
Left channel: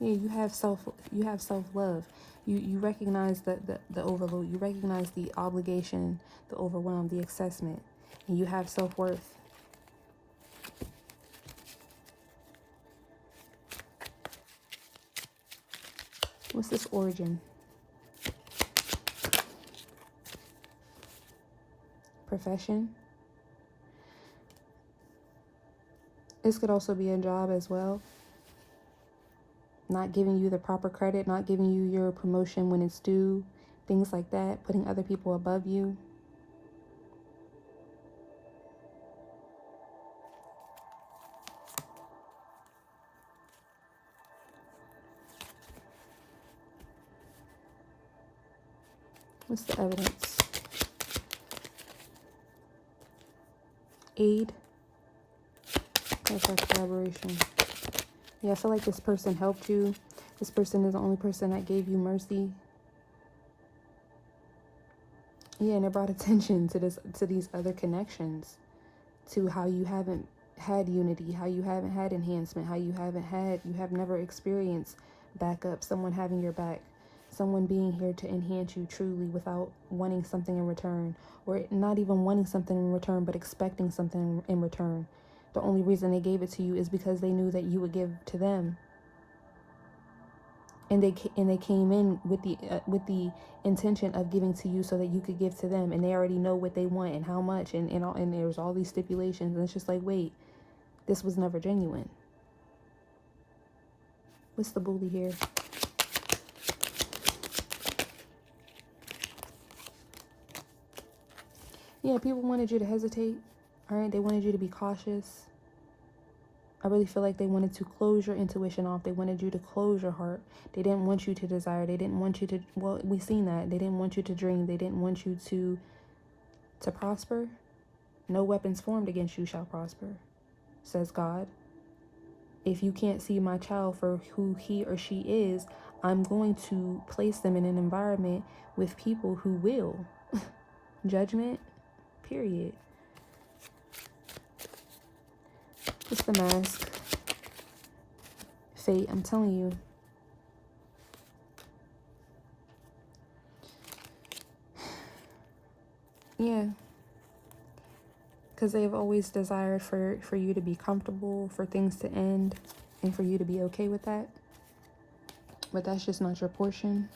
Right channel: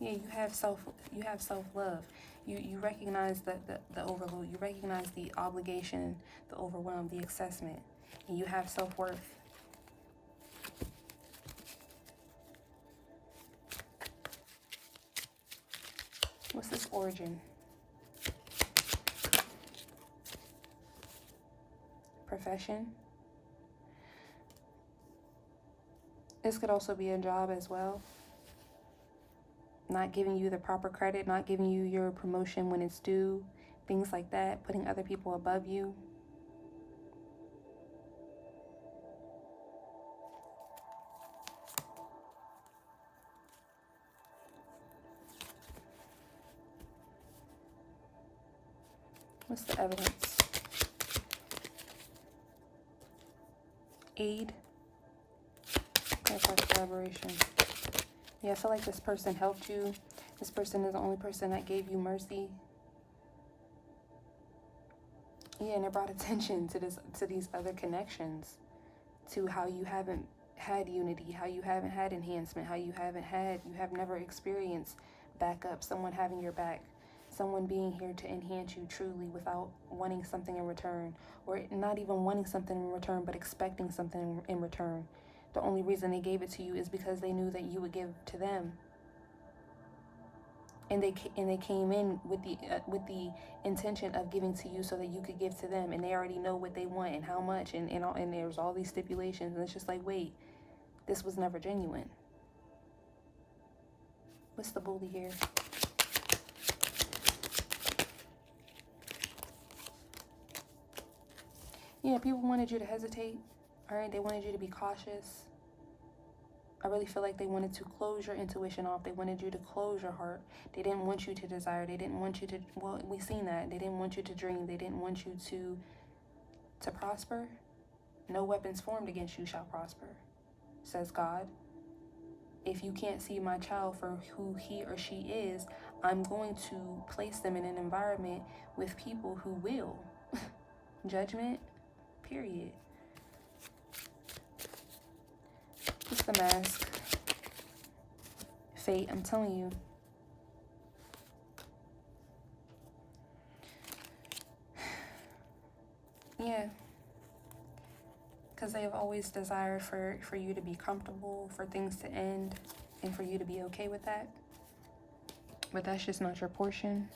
Yeah, you have self-love. You recognize the overload. You recognize the obligation, the overwhelm, the assessment. And you have self-worth. What's this origin? Profession. This could also be a job as well. Not giving you the proper credit, not giving you your promotion when it's due, things like that, putting other people above you. What's the evidence? Aid. That's our collaboration. Yeah, I feel like this person helped you. This person is the only person that gave you mercy. Yeah, and it brought attention to these other connections, to how you haven't had unity, how you haven't had enhancement, how you have never experienced backup, someone having your back, someone being here to enhance you truly without wanting something in return, or not even wanting something in return, but expecting something in return. The only reason they gave it to you is because they knew that you would give to them. And they came in with the intention of giving to you so that you could give to them, and they already know what they want and how much, and there's all these stipulations, and it's just like, wait, this was never genuine. What's the bully here? Yeah, people wanted you to hesitate. All right, they wanted you to be cautious. I really feel like they wanted to close your intuition off. They wanted you to close your heart. They didn't want you to desire. They didn't want you to, well, we've seen that. They didn't want you to dream. They didn't want you to prosper. No weapons formed against you shall prosper, says God. If you can't see my child for who he or she is, I'm going to place them in an environment with people who will. Judgment, period. It's the mask. Fate, I'm telling you. Yeah. Because they've always desired for you to be comfortable, for things to end, and for you to be okay with that. But that's just not your portion.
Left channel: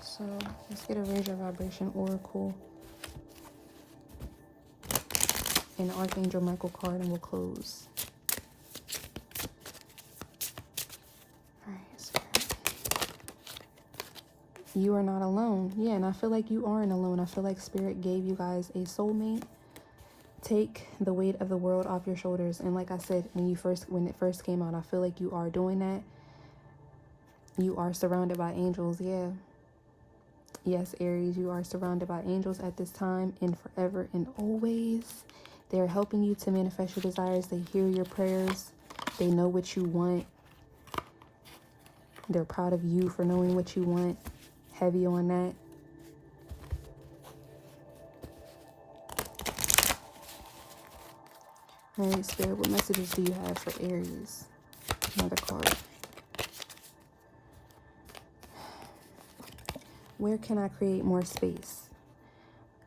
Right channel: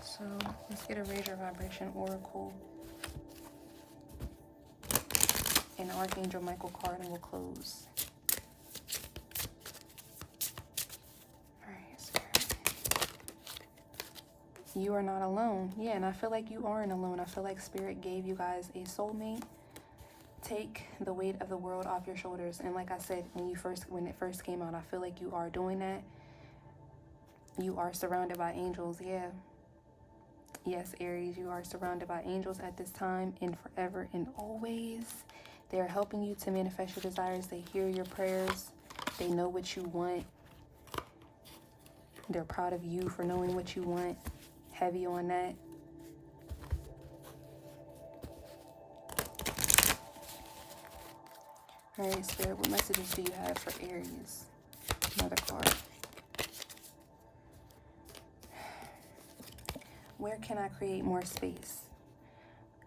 So let's get a Raise Your Vibration Oracle. And Archangel Michael card, and we'll close. Alright, Spirit. You are not alone. Yeah, and I feel like you aren't alone. I feel like Spirit gave you guys a soulmate. Take the weight of the world off your shoulders. And like I said, when it first came out, I feel like you are doing that. You are surrounded by angels, yeah. Yes, Aries, you are surrounded by angels at this time and forever and always. They are helping you to manifest your desires. They hear your prayers. They know what you want. They're proud of you for knowing what you want. Heavy on that. All right, Spirit, what messages do you have for Aries? Another card. Where can I create more space?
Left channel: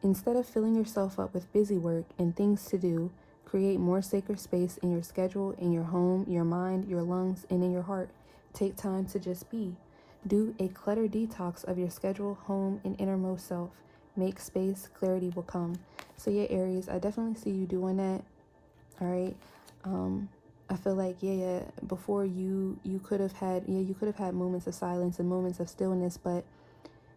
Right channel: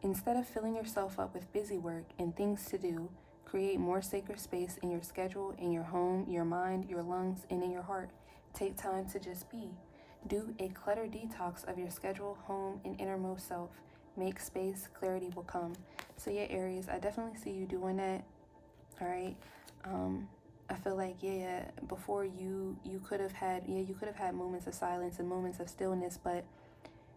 Instead of filling yourself up with busy work and things to do, create more sacred space in your schedule, in your home, your mind, your lungs, and in your heart. Take time to just be. Do a clutter detox of your schedule, home, and innermost self. Make space, clarity will come. So yeah, Aries, I definitely see you doing that. All right. I feel like, yeah, before you could have had moments of silence and moments of stillness, but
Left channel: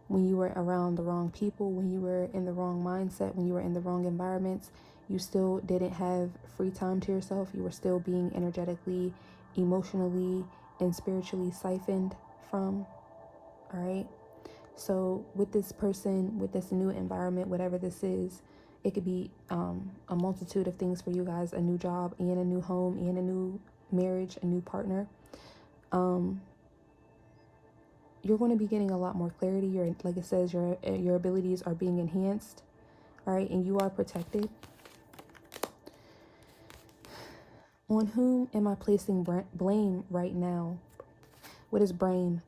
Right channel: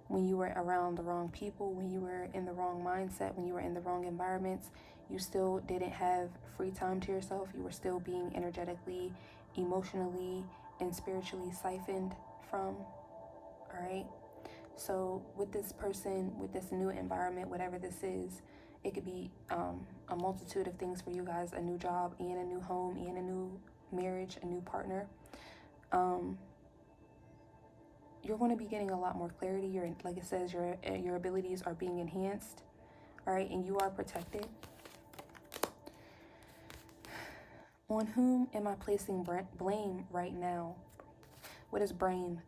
when you were around the wrong people, when you were in the wrong mindset, when you were in the wrong environments, you still didn't have free time to yourself. You were still being energetically, emotionally, and spiritually siphoned from. All right. So with this person, with this new environment, whatever this is, it could be a multitude of things for you guys: a new job, and a new home, and a new marriage, a new partner. You're going to be getting a lot more clarity. Like it says, your abilities are being enhanced. All right, and you are protected. On whom am I placing blame right now? What is blame?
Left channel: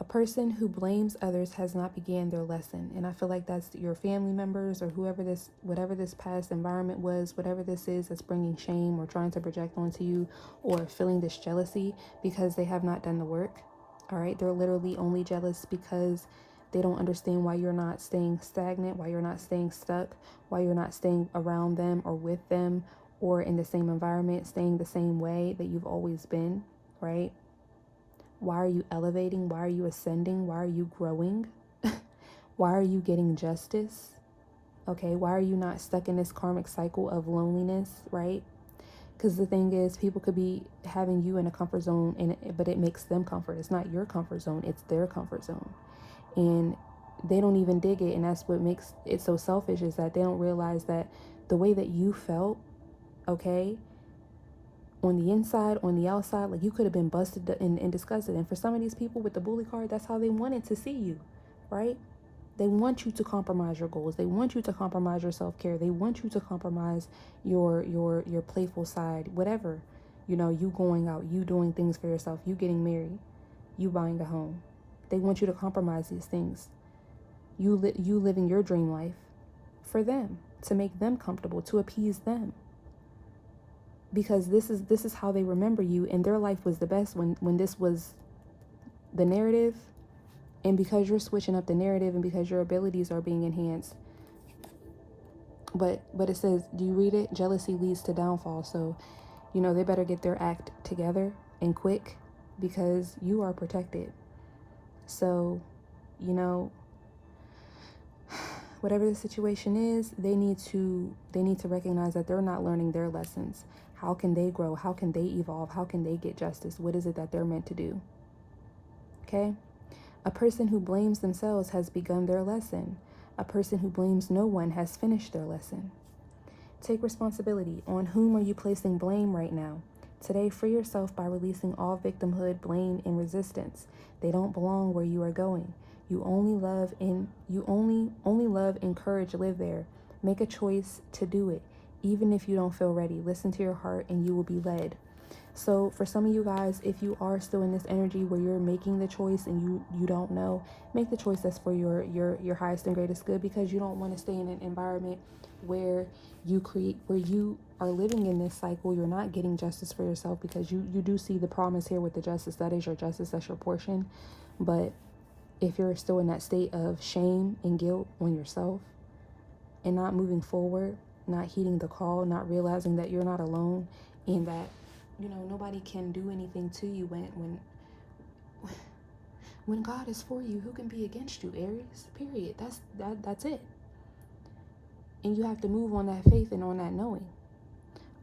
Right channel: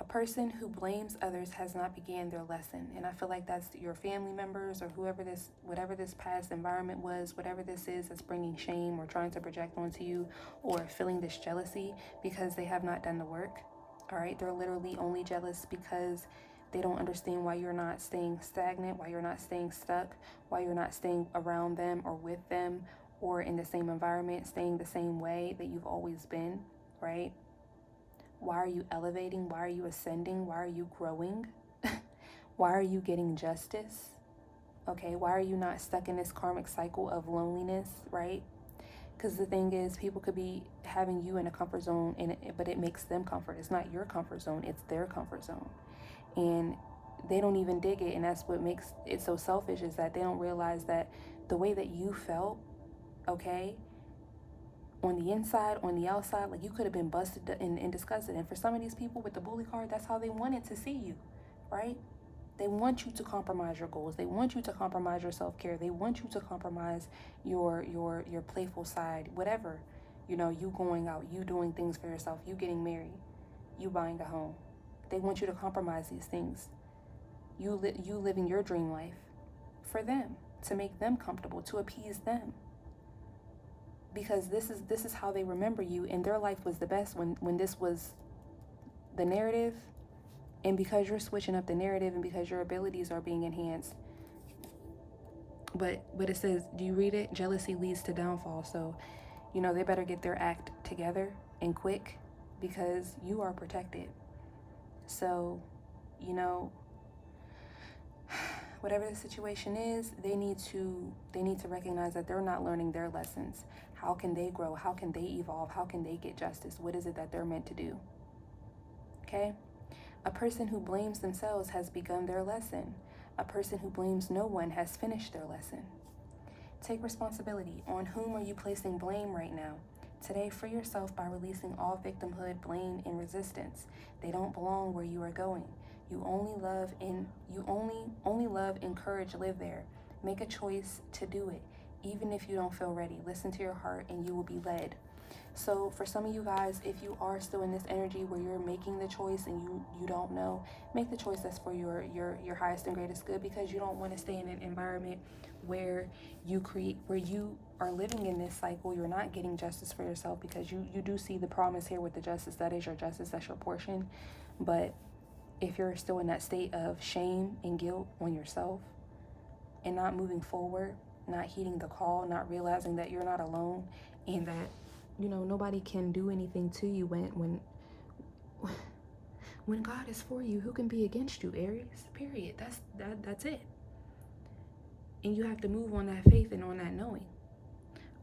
A person who blames others has not began their lesson. And I feel like that's your family members or whatever this past environment was, whatever this is that's bringing shame or trying to project onto you, or feeling this jealousy because they have not done the work. All right, they're literally only jealous because they don't understand why you're not staying stagnant, why you're not staying stuck, why you're not staying around them or with them or in the same environment, staying the same way that you've always been, right? Why are you elevating? Why are you ascending? Why are you growing? Why are you getting justice? Okay, why are you not stuck in this karmic cycle of loneliness, right? Because the thing is, people could be having you in a comfort zone, but it makes them comfort. It's not your comfort zone, it's their comfort zone. And they don't even dig it. And that's what makes it so selfish, is that they don't realize that the way that you felt, okay, on the inside, on the outside, like you could have been busted and disgusted. And for some of these people with the bully card, that's how they wanted to see you, right? They want you to compromise your goals. They want you to compromise your self-care. They want you to compromise your playful side, whatever. You know, you going out, you doing things for yourself, you getting married, you buying a home. They want you to compromise these things. You living your dream life for them, to make them comfortable, to appease them. Because this is how they remember you, and their life was the best when this was the narrative. And because you're switching up the narrative, and because your abilities are being enhanced. But it says, do you read it? Jealousy leads to downfall. So, you know, they better get their act together and quick, because you are protected. So, you know, whatever the situation is, they need to recognize that they're not learning their lessons. How can they grow? How can they evolve? How can they get justice? What is it that they're meant to do? Okay? A person who blames themselves has begun their lesson. A person who blames no one has finished their lesson. Take responsibility. On whom are you placing blame right now? Today, free yourself by releasing all victimhood, blame, and resistance. They don't belong where you are going. You only love and courage live there. Make a choice to do it, even if you don't feel ready. Listen to your heart and you will be led. So for some of you guys, if you are still in this energy where you're making the choice and you don't know, make the choice that's for your highest and greatest good, because you don't want to stay in an environment where you are living in this cycle. You're not getting justice for yourself, because you do see the promise here with the justice. That is your justice, that's your portion. But if you're still in that state of shame and guilt on yourself and not moving forward, not heeding the call, not realizing that you're not alone, and that, you know, nobody can do anything to you when God is for you, who can be against you, Aries? Period. That's it. And you have to move on that faith and on that knowing.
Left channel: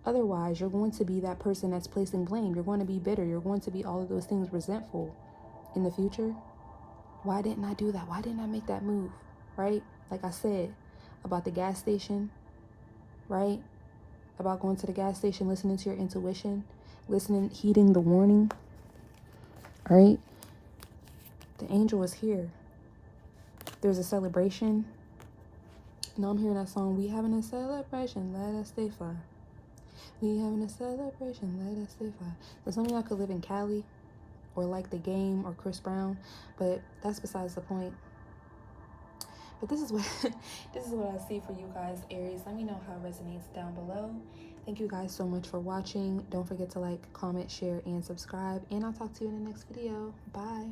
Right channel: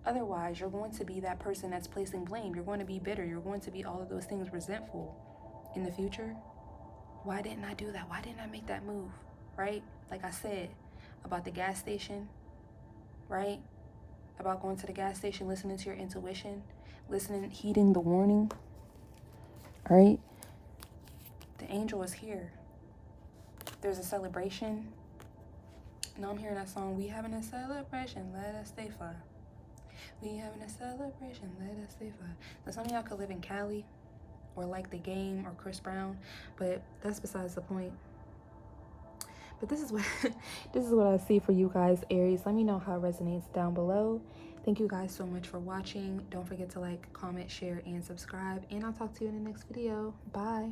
Otherwise, you're going to be that person that's placing blame. You're going to be bitter. You're going to be all of those things, resentful in the future. Why didn't I do that? Why didn't I make that move? Right? Like I said about the gas station, right? About going to the gas station, listening to your intuition, heeding the warning, right? The angel is here. There's a celebration. Now I'm hearing that song, we having a celebration, let us stay fly. We having a celebration, let us stay fly. So some of y'all could live in Cali, or like The Game, or Chris Brown, but that's besides the point. But this is what I see for you guys, Aries. Let me know how it resonates down below. Thank you guys so much for watching. Don't forget to like, comment, share, and subscribe. And I'll talk to you in the next video. Bye.